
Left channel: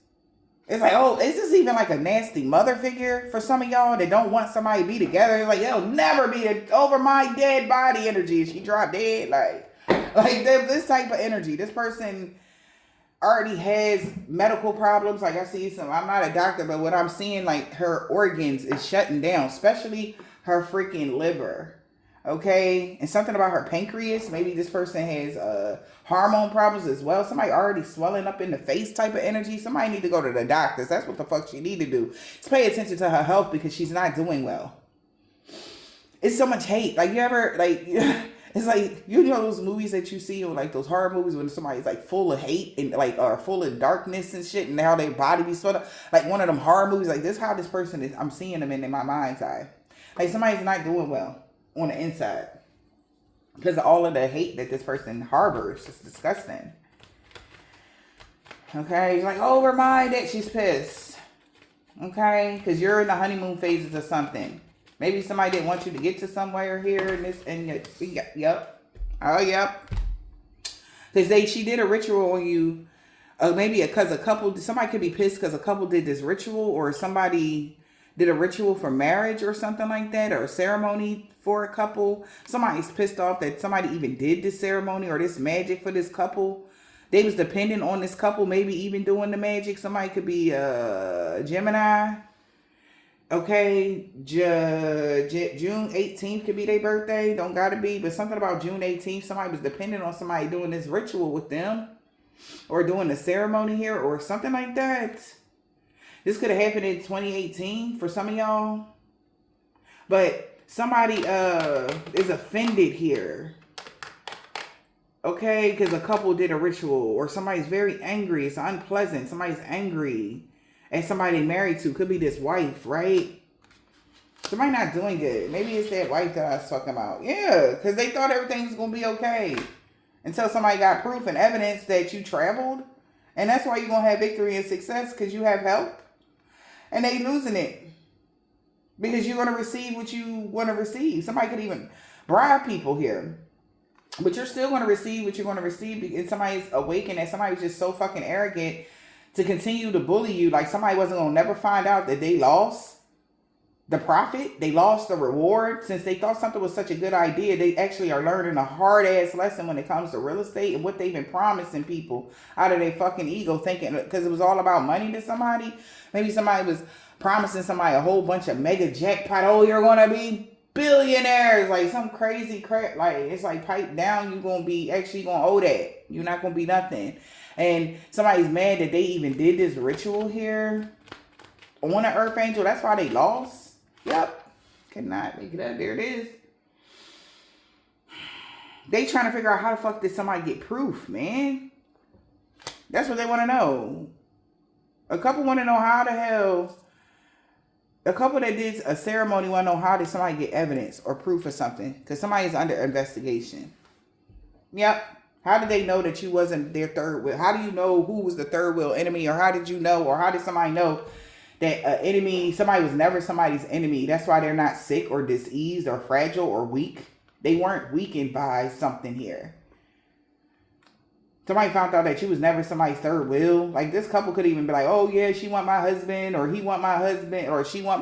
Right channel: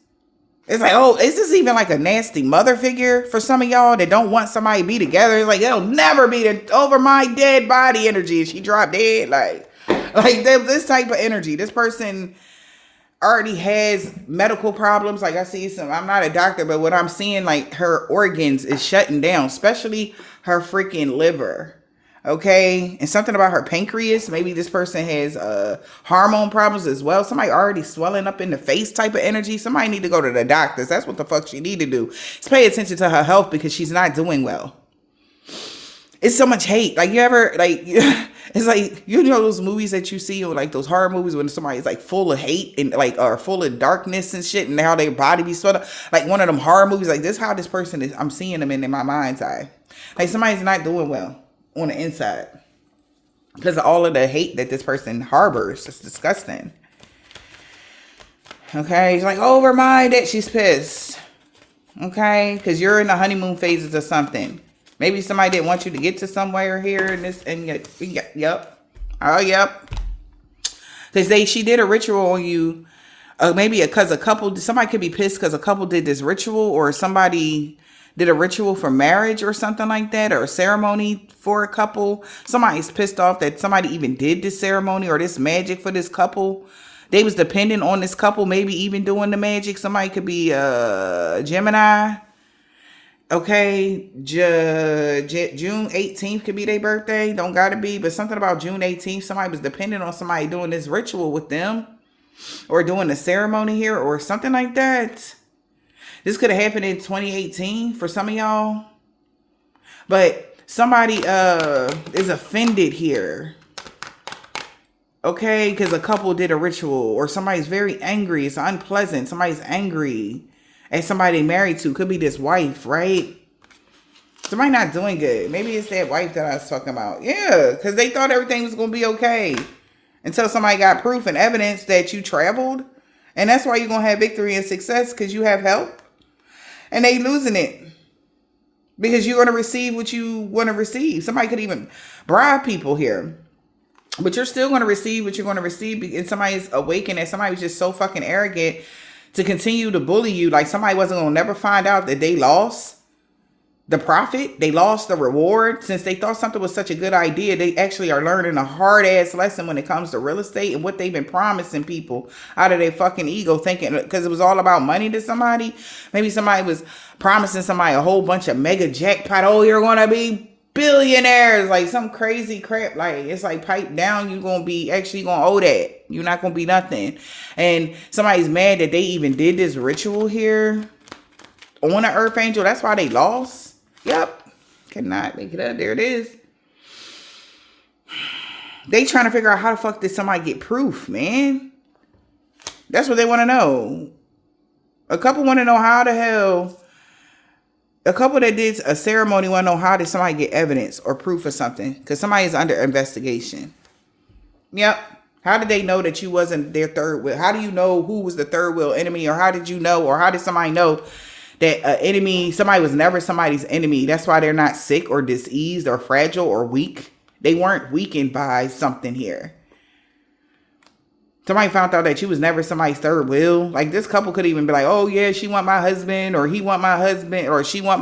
It's like, oh, is this even like a nasty mother figure for some of y'all that don't want somebody to be together? It's like, it'll never be over my dead body energy. If she dropped dead, like this type of energy. This person already has medical problems. Like, I see some, I'm not a doctor, but what I'm seeing, like, her organs is shutting down, especially her freaking liver. Okay, and something about her pancreas. Maybe this person has hormone problems as well. Somebody already swelling up in the face type of energy. Somebody need to go to the doctors. That's what the fuck she need to do. Just pay attention to her health because she's not doing well. It's so much hate. Like, you ever, like, it's like, you know those movies that you see, or like those horror movies when somebody's like full of hate and like, or full of darkness and shit, and how their body be swept up. Like one of them horror movies, like this how this person is. I'm seeing them in my mind's eye. Like, somebody's not doing well on the inside because of all of the hate that this person harbors. It's disgusting. Okay, she's like, over my that she's pissed. Okay, because you're in the honeymoon phases or something. Maybe somebody didn't want you to get to somewhere here and this, and yep. Oh, yep. Because she did a ritual on you. Maybe because a couple, somebody could be pissed because a couple did this ritual, or somebody did a ritual for marriage or something like that, or a ceremony for a couple. Somebody's pissed off that somebody even did this ceremony or this magic for this couple. They was dependent on this couple, maybe even doing the magic. Somebody could be Gemini. Okay, June 18th could be their birthday. Don't gotta be, but something about June 18th. Somebody was dependent on somebody doing this ritual with them, or doing the ceremony here, or something like that. This could have happened in 2018 for some of y'all. But somebody is offended here. Okay, because a couple did a ritual, or somebody's very angry. It's unpleasant. Somebody's angry at somebody they married to. Could be this wife, right? Somebody not doing good. Maybe it's that wife that I was talking about. Yeah, because they thought everything was going to be okay until somebody got proof and evidence that you traveled. And that's why you're going to have victory and success, because you have help. And they losing it because you're going to receive what you want to receive. Somebody could even bribe people here, but you're still going to receive what you're going to receive. And somebody's awakened that somebody was just so fucking arrogant to continue to bully you. Like, somebody wasn't going to never find out that they lost the profit. They lost the reward. Since they thought something was such a good idea, they actually are learning a hard ass lesson when it comes to real estate and what they've been promising people out of their fucking ego, thinking because it was all about money to somebody. Maybe somebody was promising somebody a whole bunch of mega jackpot. Oh, you're going to be billionaires, like some crazy crap. Like, it's like, pipe down. You're going to be actually going to owe that. You're not going to be nothing. And somebody's mad that they even did this ritual here on an earth angel. That's why they lost. Yep. Cannot make it up. There it is. They trying to figure out how the fuck did somebody get proof, man. That's what they want to know. A couple want to know how the hell. A couple that did a ceremony want to know how did somebody get evidence or proof of something, because somebody is under investigation. Yep. How did they know that you wasn't their third wheel? How do you know who was the third wheel enemy? Or how did you know? Or how did somebody know that an enemy, somebody was never somebody's enemy? That's why they're not sick or diseased or fragile or weak. They weren't weakened by something here. Somebody found out that she was never somebody's third wheel. Like, this couple could even be like, oh yeah, she want my husband, or he want my husband, or she want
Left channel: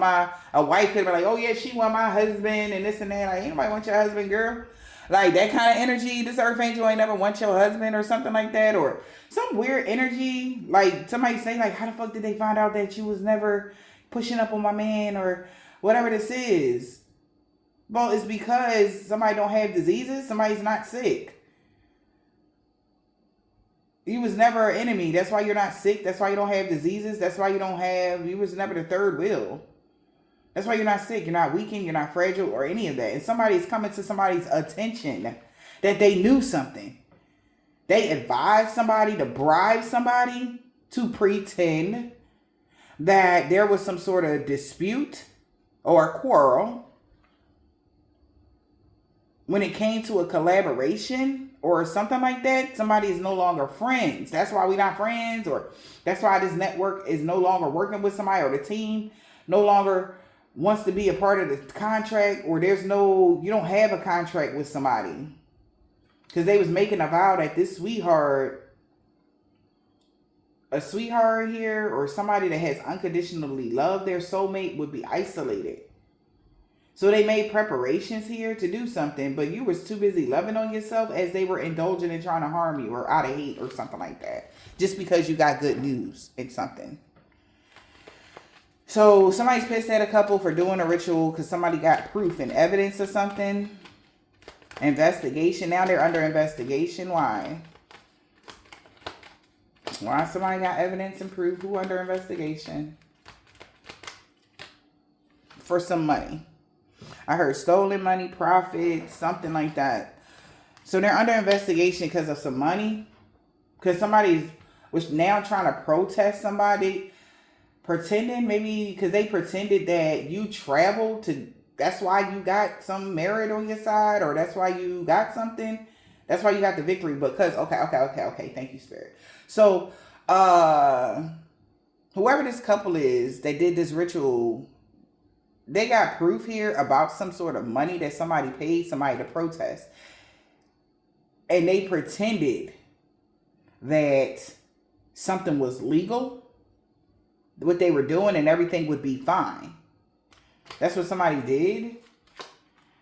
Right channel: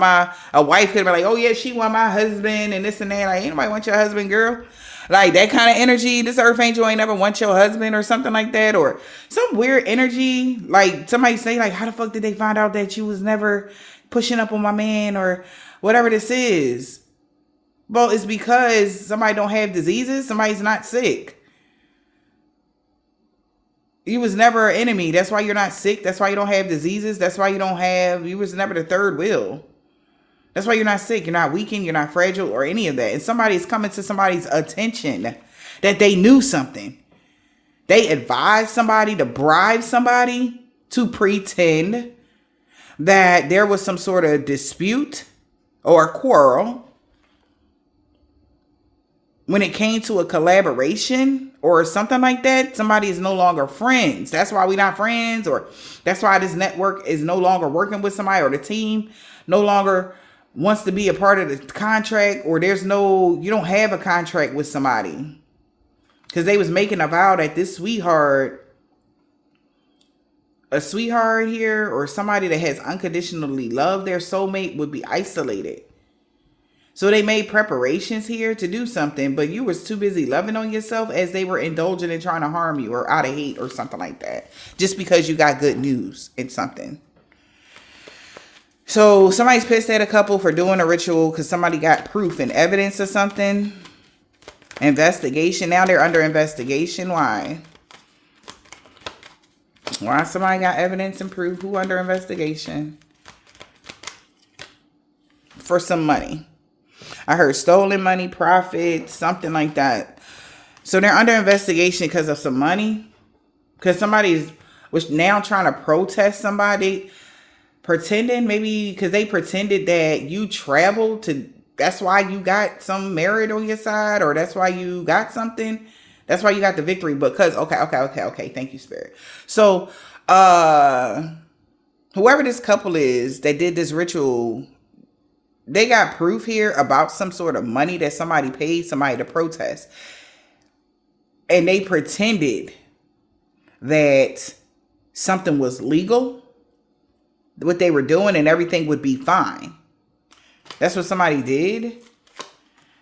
a wife could be like, oh yeah, she want my husband, and this and that. Like, ain't nobody want your husband, girl. Like, that kind of energy. This earth angel ain't never want your husband or something like that. Or some weird energy. Like, somebody say, like, how the fuck did they find out that you was never pushing up on my man, or whatever this is? Well, it's because somebody don't have diseases. Somebody's not sick. You was never an enemy. That's why you're not sick. That's why you don't have diseases. That's why you was never the third wheel. That's why you're not sick. You're not weakened. You're not fragile or any of that. And somebody's coming to somebody's attention that they knew something. They advised somebody to bribe somebody to pretend that there was some sort of dispute or quarrel when it came to a collaboration or something like that. Somebody is no longer friends. That's why we're not friends, or that's why this network is no longer working with somebody, or the team no longer wants to be a part of the contract, or you don't have a contract with somebody. Because they was making a vow that this a sweetheart here, or somebody that has unconditionally loved their soulmate, would be isolated. So they made preparations here to do something, but you was too busy loving on yourself as they were indulging and trying to harm you, or out of hate or something like that, just because you got good news in something. So somebody's pissed at a couple for doing a ritual because somebody got proof and evidence of something. Investigation. Now they're under investigation. Why? Why somebody got evidence and proof? Who under investigation? For some money. I heard stolen money, profit, something like that. So they're under investigation because of some money. Because somebody was now trying to protest somebody. Pretending, maybe because they pretended that you traveled to, that's why you got some merit on your side, or that's why you got something. That's why you got the victory. Because, okay. Thank you, Spirit. So, whoever this couple is that did this ritual, they got proof here about some sort of money that somebody paid somebody to protest. And they pretended that something was legal, what they were doing, and everything would be fine. That's what somebody did.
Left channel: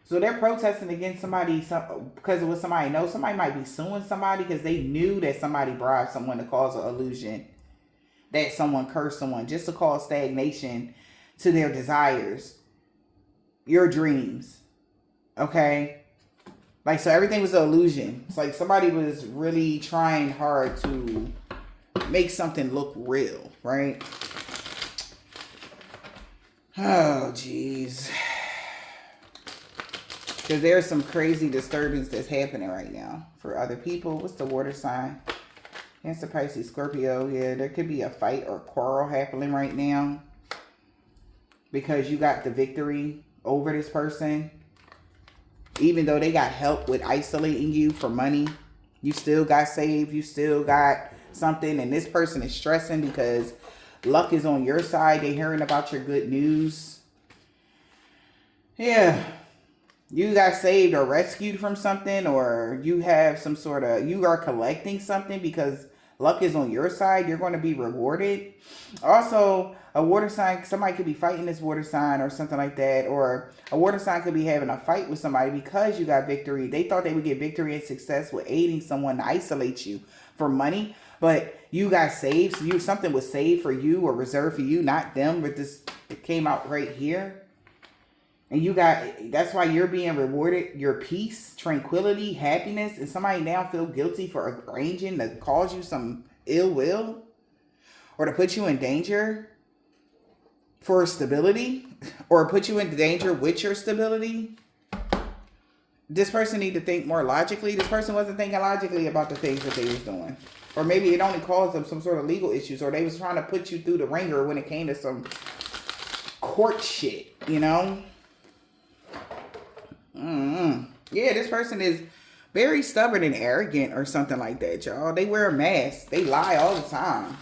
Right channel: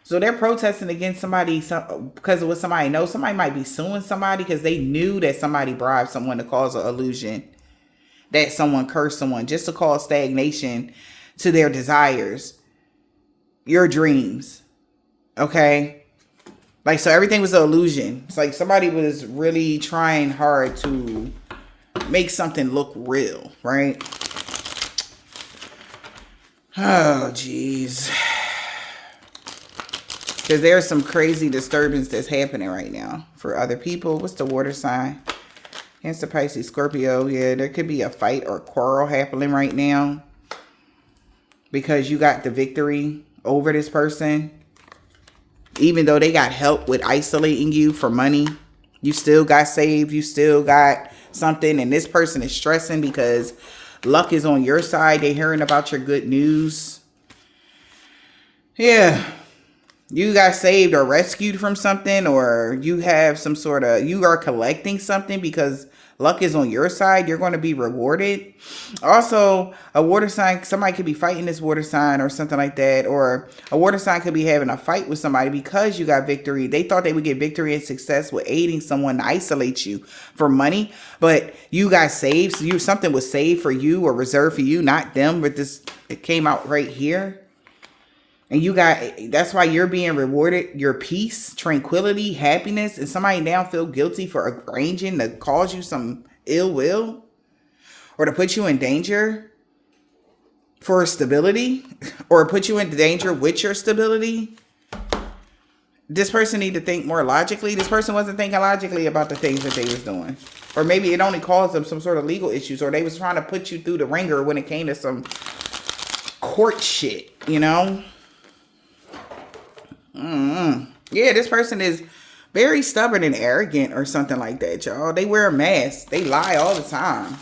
So they're protesting against somebody because of what somebody knows. Somebody might be suing somebody because they knew that somebody bribed someone to cause an illusion, that someone cursed someone just to cause stagnation to their desires, your dreams. Okay? Like, so everything was an illusion. It's like somebody was really trying hard to make something look real, right? Oh, jeez. Because there's some crazy disturbance that's happening right now for other people. What's the water sign? Cancer, Pisces, Scorpio. Yeah, there could be a fight or quarrel happening right now because you got the victory over this person. Even though they got help with isolating you for money, you still got saved. You still got something. And this person is stressing because luck is on your side. They're hearing about your good news. Yeah. You got saved or rescued from something, or you have some sort of, you are collecting something because luck is on your side. You're going to be rewarded. Also, a water sign, somebody could be fighting this water sign or something like that. Or a water sign could be having a fight with somebody because you got victory. They thought they would get victory and success with aiding someone to isolate you for money. But you got saved. So something was saved for you or reserved for you, not them. But it came out right here. And that's why you're being rewarded your peace, tranquility, happiness. And somebody now feel guilty for arranging to cause you some ill will or to put you in danger for stability or put you in danger with your stability. this person need to think more logically. This person wasn't thinking logically about the things that they was doing. Or maybe it only caused them some sort of legal issues, or they was trying to put you through the ringer when it came to some court shit, you know? Yeah, this person is very stubborn and arrogant or something like that, y'all. They wear a mask. They lie all the time.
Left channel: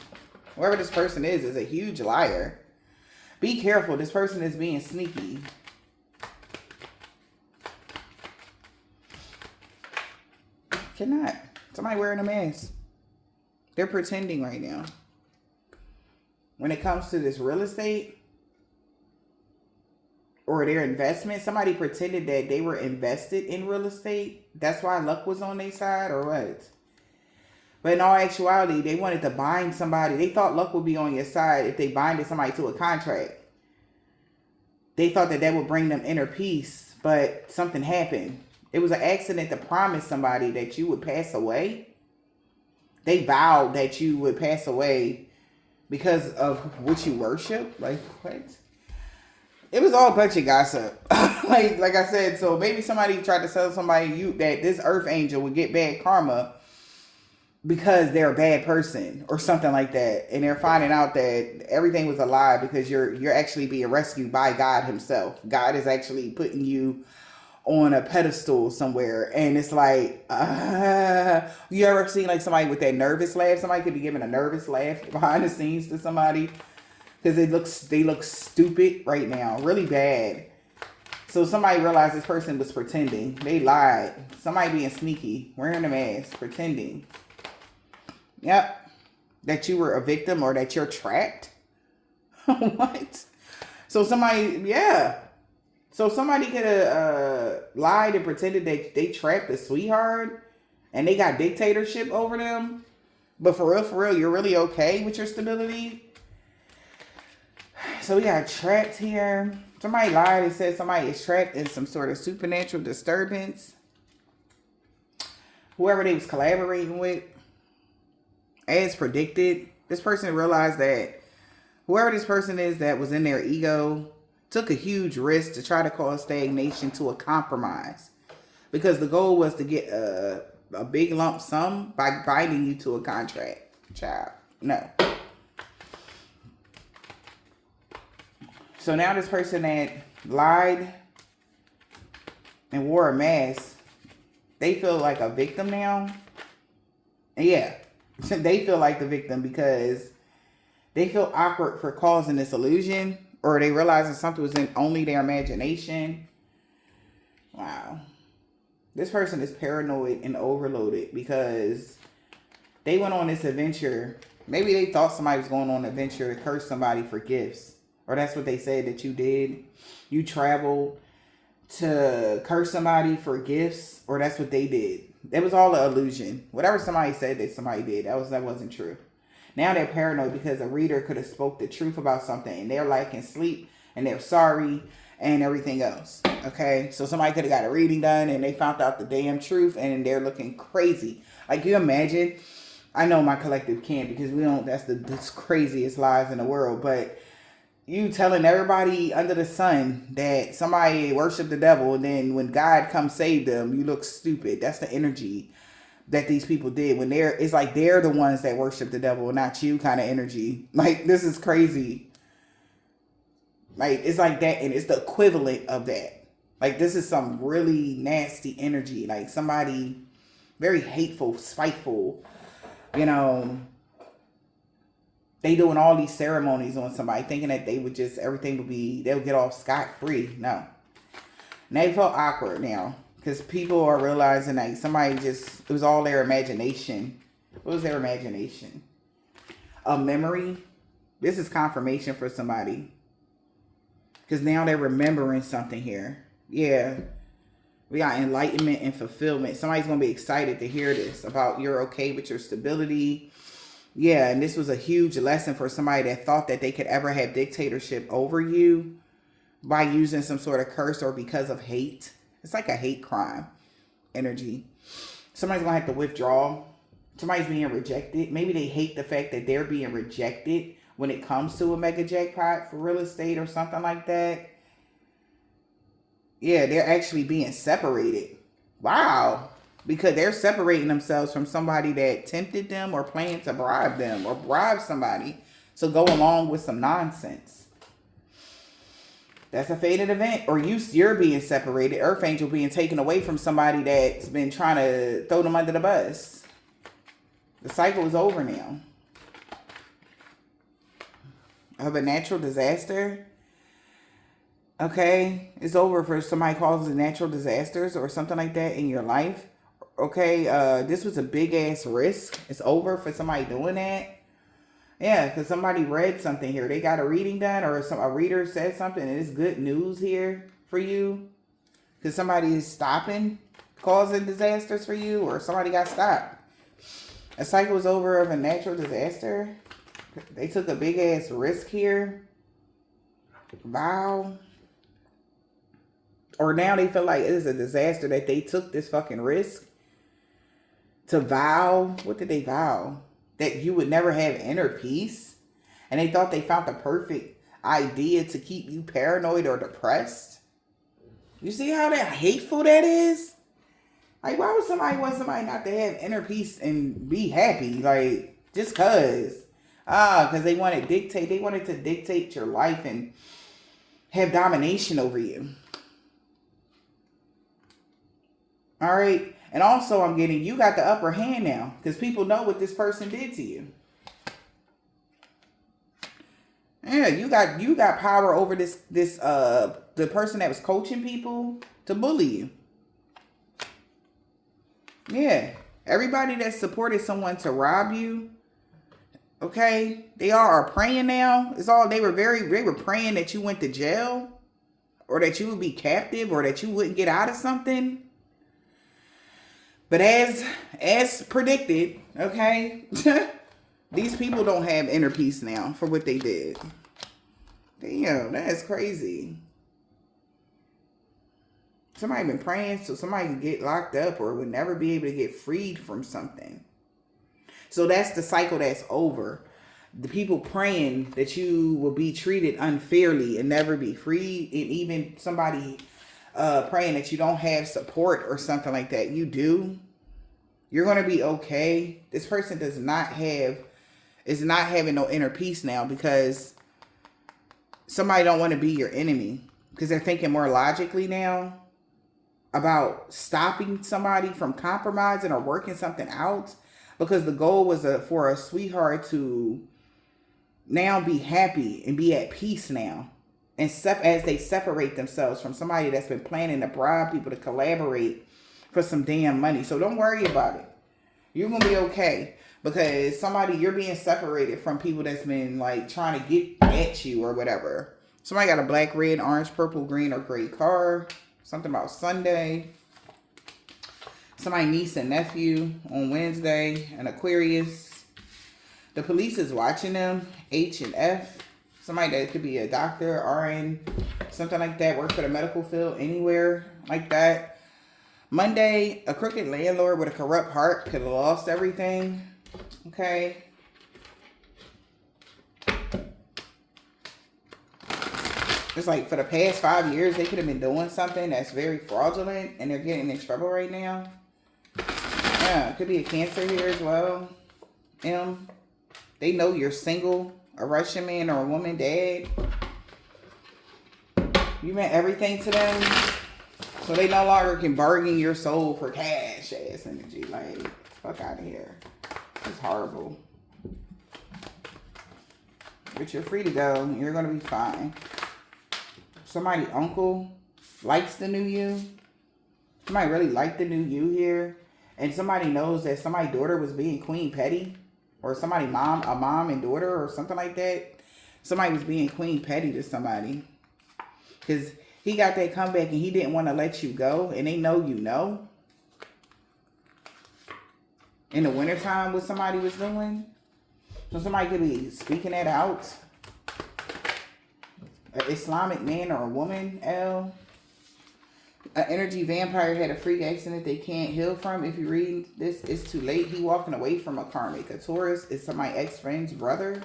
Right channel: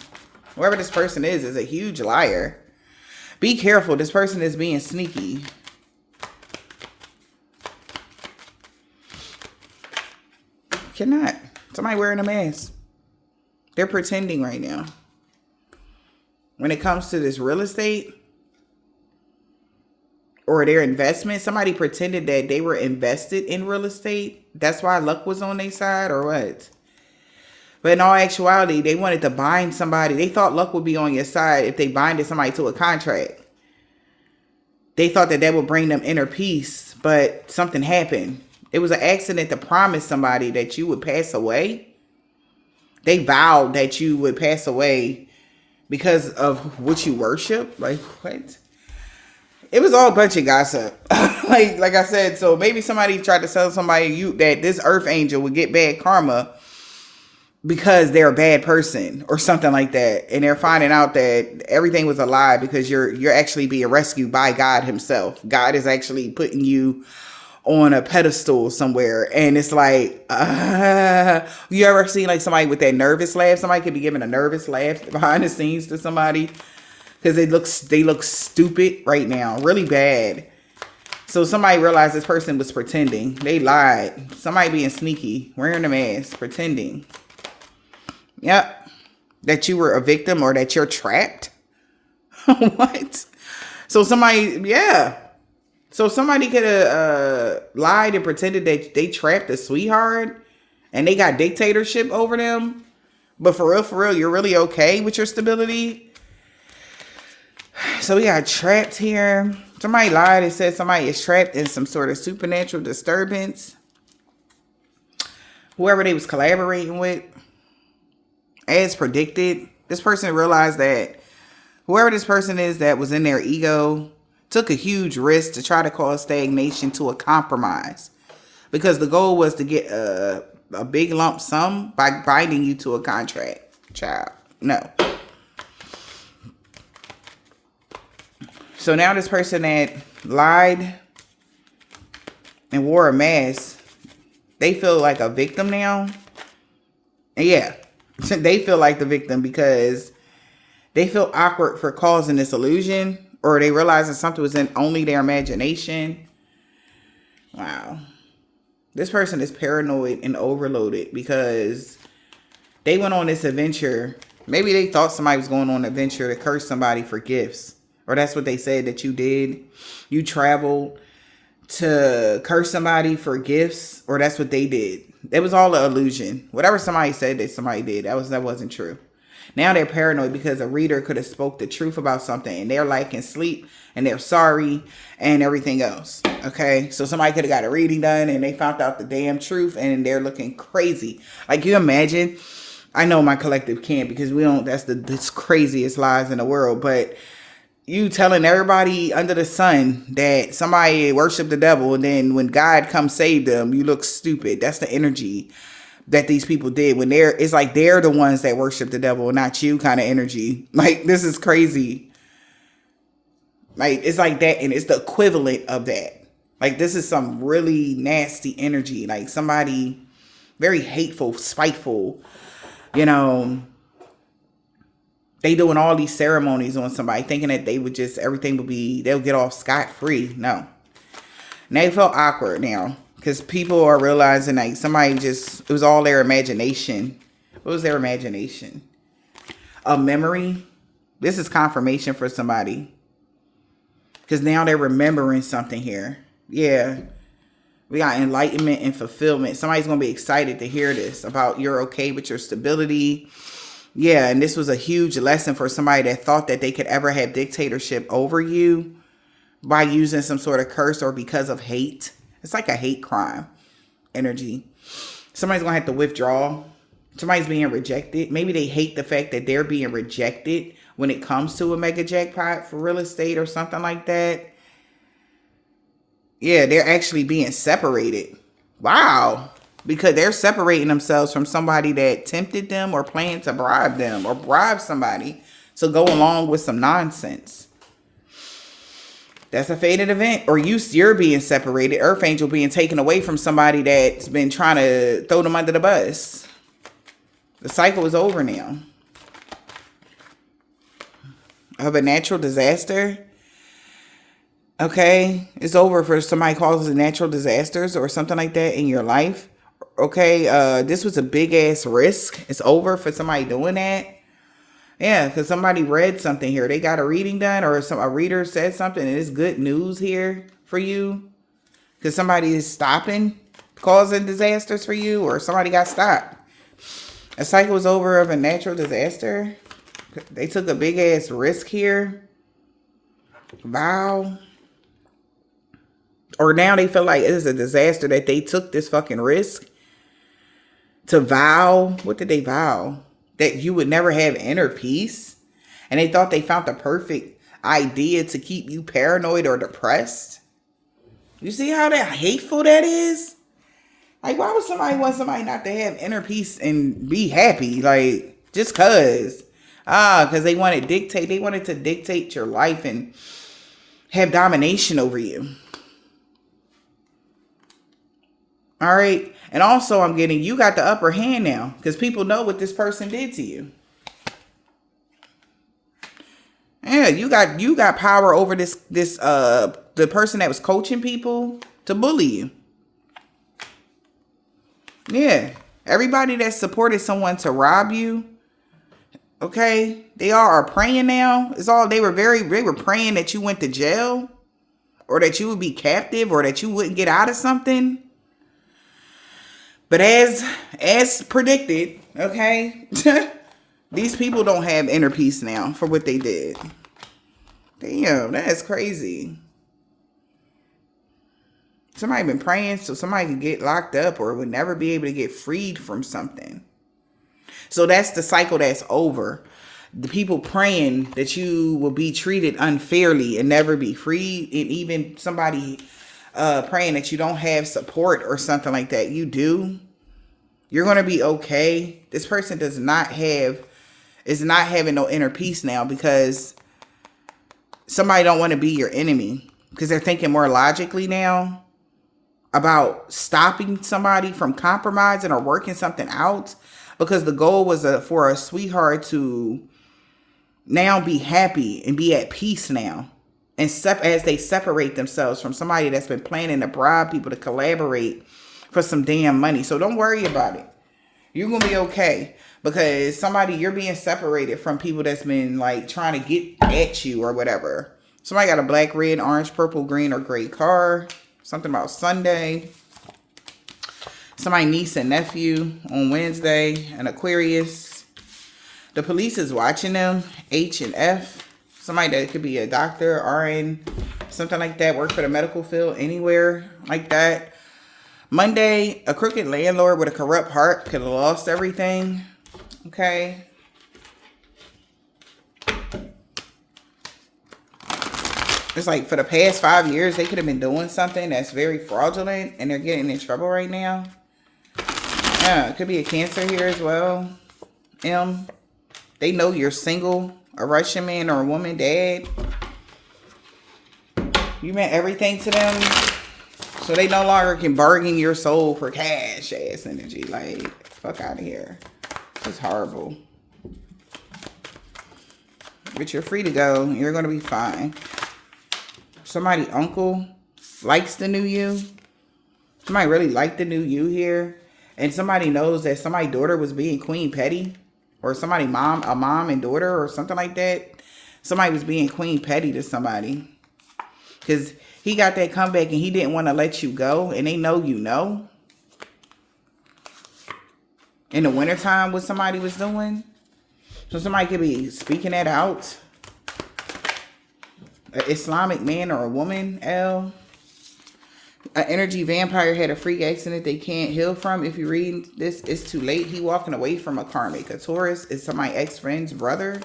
Whoever this person is a huge liar. Be careful. This person is being sneaky. Cannot. Somebody wearing a mask. They're pretending right now. When it comes to this real estate or their investment, somebody pretended that they were invested in real estate. That's why luck was on their side, or what? But in all actuality, they wanted to bind somebody. They thought luck would be on your side if they binded somebody to a contract. They thought that would bring them inner peace, but something happened. It was an accident to promise somebody that you would pass away. They vowed that you would pass away because of what you worship. Like, what? It was all a bunch of gossip. like I said, so maybe somebody tried to tell somebody that this earth angel would get bad karma because they're a bad person or something like that. And they're finding out that everything was a lie because you're actually being rescued by God himself. God is actually putting you on a pedestal somewhere. And it's like, you ever seen like somebody with that nervous laugh? Somebody could be giving a nervous laugh behind the scenes to somebody because they look stupid right now, really bad. So somebody realized this person was pretending. They lied. Somebody being sneaky, wearing a mask, pretending. Yep. That you were a victim or that you're trapped. What? So somebody, yeah. So somebody could have lied and pretended that they trapped a sweetheart and they got dictatorship over them. But for real, you're really okay with your stability. So we got trapped here. Somebody lied and said somebody is trapped in some sort of supernatural disturbance. Whoever they was collaborating with. As predicted, this person realized that whoever this person is that was in their ego took a huge risk to try to cause stagnation to a compromise. Because the goal was to get a big lump sum by binding you to a contract. Child, no. So now this person that lied and wore a mask, they feel like a victim now. And yeah, they feel like the victim because they feel awkward for causing this illusion, or they realize that something was in only their imagination. Wow. This person is paranoid and overloaded because they went on this adventure. Maybe they thought somebody was going on an adventure to curse somebody for gifts. Or that's what they said that you did. You traveled to curse somebody for gifts. Or that's what they did. It was all an illusion. Whatever somebody said that somebody did, that wasn't true. Now they're paranoid because a reader could have spoke the truth about something and they're lacking sleep and they're sorry and everything else. Okay, so somebody could have got a reading done and they found out the damn truth and they're looking crazy. Like, you imagine, I know my collective can't because we don't, that's the craziest lies in the world, but you telling everybody under the sun that somebody worshiped the devil and then when God comes save them, you look stupid. That's the energy that these people did when it's like they're the ones that worship the devil, not you kind of energy. Like, this is crazy. Like, it's like that, and it's the equivalent of that. Like, this is some really nasty energy. Like, somebody very hateful, spiteful, you know, they doing all these ceremonies on somebody thinking that they would just, everything would be, they'll get off scot-free. No. And they felt awkward now. Because people are realizing like somebody just, it was all their imagination. What was their imagination? A memory. This is confirmation for somebody. Because now they're remembering something here. Yeah. We got enlightenment and fulfillment. Somebody's going to be excited to hear this about you're okay with your stability. Yeah. And this was a huge lesson for somebody that thought that they could ever have dictatorship over you by using some sort of curse or because of hate. It's like a hate crime energy. Somebody's going to have to withdraw. Somebody's being rejected. Maybe they hate the fact that they're being rejected when it comes to a mega jackpot for real estate or something like that. Yeah, they're actually being separated. Wow. Because they're separating themselves from somebody that tempted them or planned to bribe them or bribe somebody to go along with some nonsense. That's a fated event. Or you're being separated. Earth Angel being taken away from somebody that's been trying to throw them under the bus. The cycle is over now. Of a natural disaster. Okay. It's over for somebody causes natural disasters or something like that in your life. Okay. This was a big ass risk. It's over for somebody doing that. Yeah, because somebody read something here. They got a reading done or a reader said something and it's good news here for you. Because somebody is stopping causing disasters for you or somebody got stopped. A cycle was over of a natural disaster. They took a big ass risk here. Vow. Or now they feel like it is a disaster that they took this fucking risk to vow. What did they vow? That you would never have inner peace. And they thought they found the perfect idea to keep you paranoid or depressed. You see how that hateful that is? Like, why would somebody want somebody not to have inner peace and be happy? Like, just cause. Because they wanted to dictate your life and have domination over you. All right. And also I'm getting, you got the upper hand now because people know what this person did to you. Yeah, you got power over the person that was coaching people to bully you. Yeah. Everybody that supported someone to rob you. Okay. They all are praying now. They were praying that you went to jail or that you would be captive or that you wouldn't get out of something. But as predicted, okay, these people don't have inner peace now for what they did. Damn, that's crazy. Somebody been praying so somebody could get locked up or would never be able to get freed from something. So that's the cycle that's over. The people praying that you will be treated unfairly and never be free. And even somebody praying that you don't have support or something like that. You do. You're going to be okay. This person is not having no inner peace now because somebody don't want to be your enemy because they're thinking more logically now about stopping somebody from compromising or working something out because the goal was for a sweetheart to now be happy and be at peace now. And as they separate themselves from somebody that's been planning to bribe people to collaborate for some damn money. So don't worry about it. You're going to be okay. Because you're being separated from people that's been like trying to get at you or whatever. Somebody got a black, red, orange, purple, green, or gray car. Something about Sunday. Somebody niece and nephew on Wednesday. An Aquarius. The police is watching them. H and F. Somebody that could be a doctor, RN, something like that. Work for the medical field, anywhere like that. Monday, a crooked landlord with a corrupt heart could have lost everything. Okay. It's like for the past 5 years, they could have been doing something that's very fraudulent and they're getting in trouble right now. Yeah, it could be a Cancer here as well. They know you're single. A Russian man or a woman, dad. You meant everything to them. So they no longer can bargain your soul for cash ass energy. Like, fuck out of here. It's horrible. But you're free to go. You're going to be fine. Somebody uncle likes the new you. Somebody really liked the new you here. And somebody knows that somebody's daughter was being Queen Petty. Or somebody a mom and daughter or something like that. Somebody was being Queen Petty to somebody. Because he got that comeback and he didn't want to let you go. And they know you know. In the wintertime what somebody was doing. So somebody could be speaking that out. An Islamic man or a woman, L. An energy vampire had a freak accident they can't heal from. If you read this, it's too late. He walking away from a karmic. A Taurus is somebody's ex-friend's brother.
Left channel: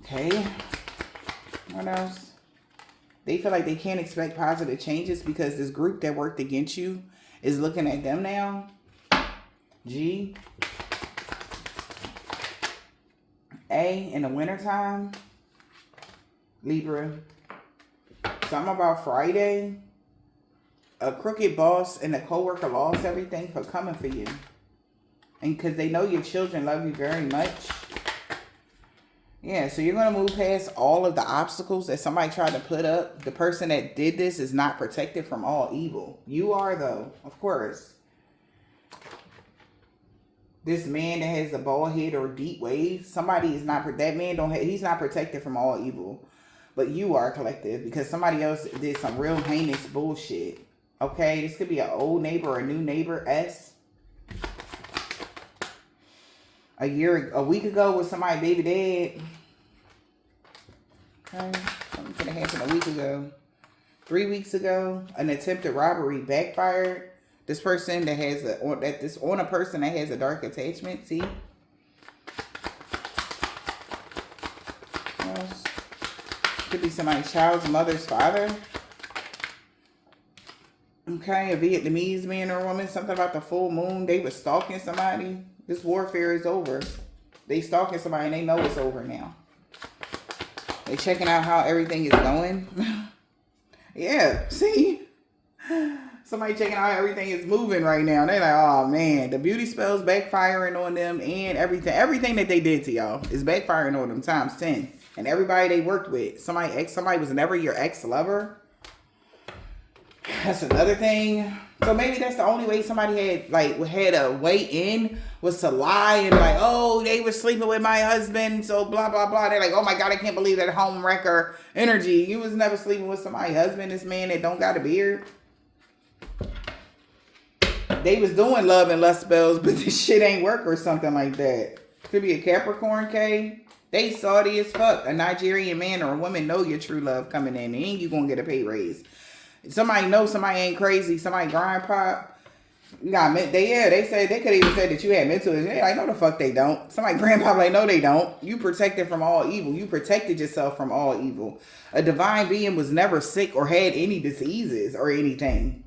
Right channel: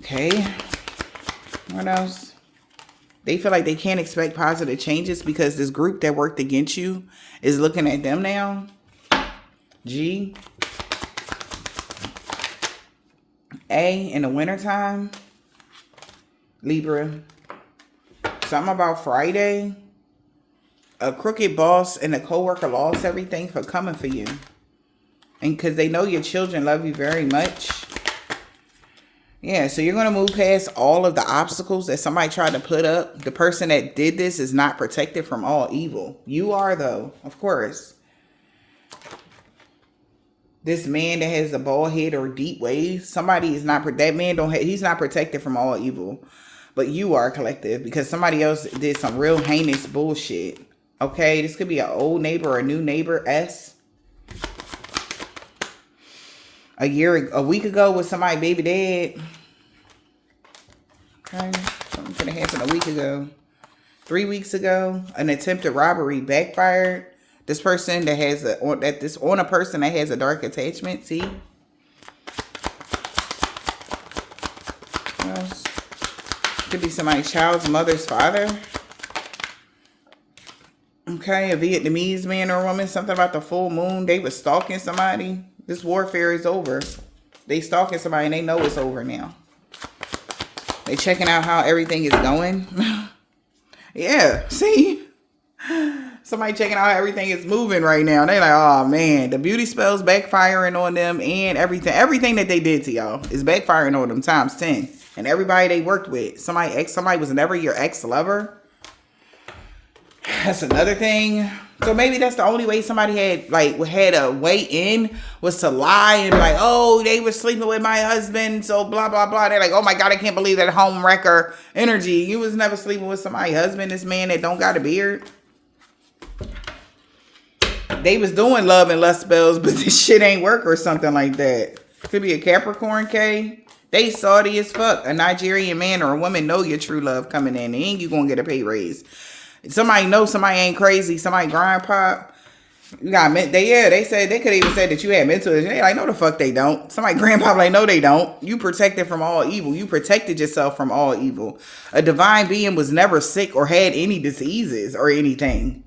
Okay. What else? They feel like they can't expect positive changes because this group that worked against you is looking at them now. G. A, in the wintertime. Libra. Something about Friday. A crooked boss and a coworker lost everything for coming for you. And because they know your children love you very much. Yeah, so you're going to move past all of the obstacles that somebody tried to put up. The person that did this is not protected from all evil. You are, though, of course. This man that has a bald head or deep waves, somebody is not, that man he's not protected from all evil. But you are, collective, because somebody else did some real heinous bullshit. Okay, this could be an old neighbor or a new neighbor, S. A week ago with somebody baby dead. Okay, something could have happened a week ago. 3 weeks ago, an attempted robbery backfired. This person that has on a person that has a dark attachment. See, could be somebody's child's mother's father. Okay, a Vietnamese man or woman. Something about the full moon. They were stalking somebody. This warfare is over. They stalking somebody and they know it's over now. They checking out how everything is going. Yeah, see? Somebody checking out how everything is moving right now. They're like, oh man, the beauty spells backfiring on them and everything that they did to y'all is backfiring on them times 10. And everybody they worked with. Somebody was never your ex-lover. That's another thing. So maybe that's the only way somebody had a way in was to lie and be like, oh, they were sleeping with my husband, so blah, blah, blah. They're like, oh my God, I can't believe that home wrecker energy. You was never sleeping with somebody's husband, this man that don't got a beard. They was doing love and lust spells, but this shit ain't work or something like that. Could be a Capricorn, K. They salty as fuck. A Nigerian man or a woman know your true love coming in. And you gonna get a pay raise. Somebody know somebody ain't crazy. Somebody grind pop. You got they said they could even said that you had mental issues. They like, no the fuck they don't. Somebody grind pop like, no they don't. You protected from all evil. You protected yourself from all evil. A divine being was never sick or had any diseases or anything.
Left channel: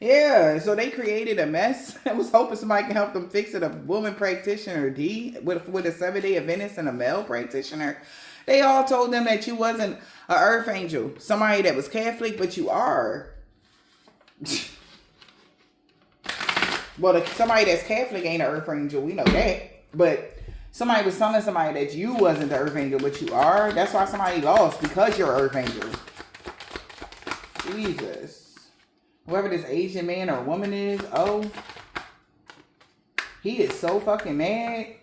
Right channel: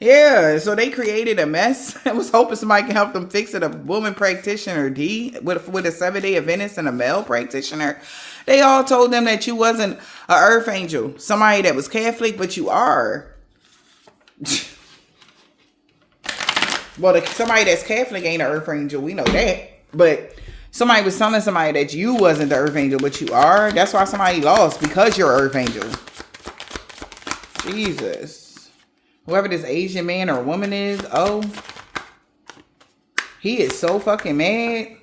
Yeah, so they created a mess. I was hoping somebody can help them fix it. A woman practitioner, D, with a 7-day Adventist and a male practitioner. They all told them that you wasn't an earth angel. Somebody that was Catholic, but you are. Well, somebody that's Catholic ain't an earth angel. We know that. But somebody was telling somebody that you wasn't the earth angel, but you are. That's why somebody lost, because you're an earth angel. Jesus. Whoever this Asian man or woman is, oh, he is so fucking mad.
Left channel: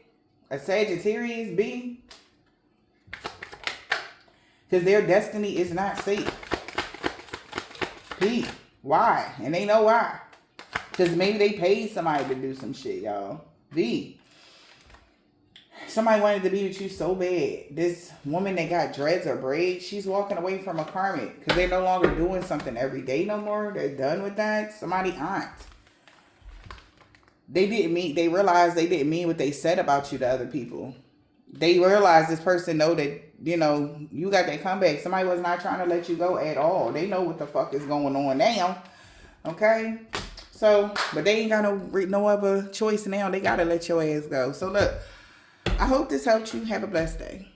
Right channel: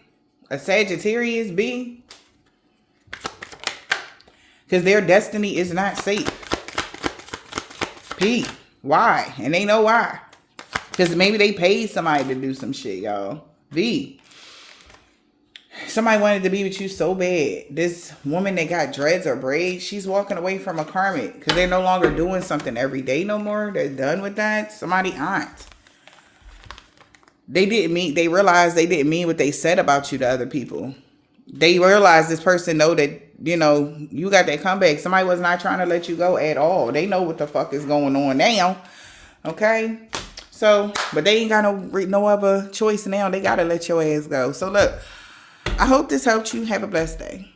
A Sagittarius B. Because their destiny is not safe. P. Why? And they know why. Because maybe they paid somebody to do some shit, y'all. V. Somebody wanted to be with you so bad. This woman that got dreads or braids, she's walking away from a karmic. Because they're no longer doing something every day no more. They're done with that. Somebody aunt. They realized they didn't mean what they said about you to other people. They realized this person know that, you got that comeback. Somebody was not trying to let you go at all. They know what the fuck is going on now. Okay? So, but they ain't got no other choice now. They got to let your ass go. So look, I hope this helped you. Have a blessed day.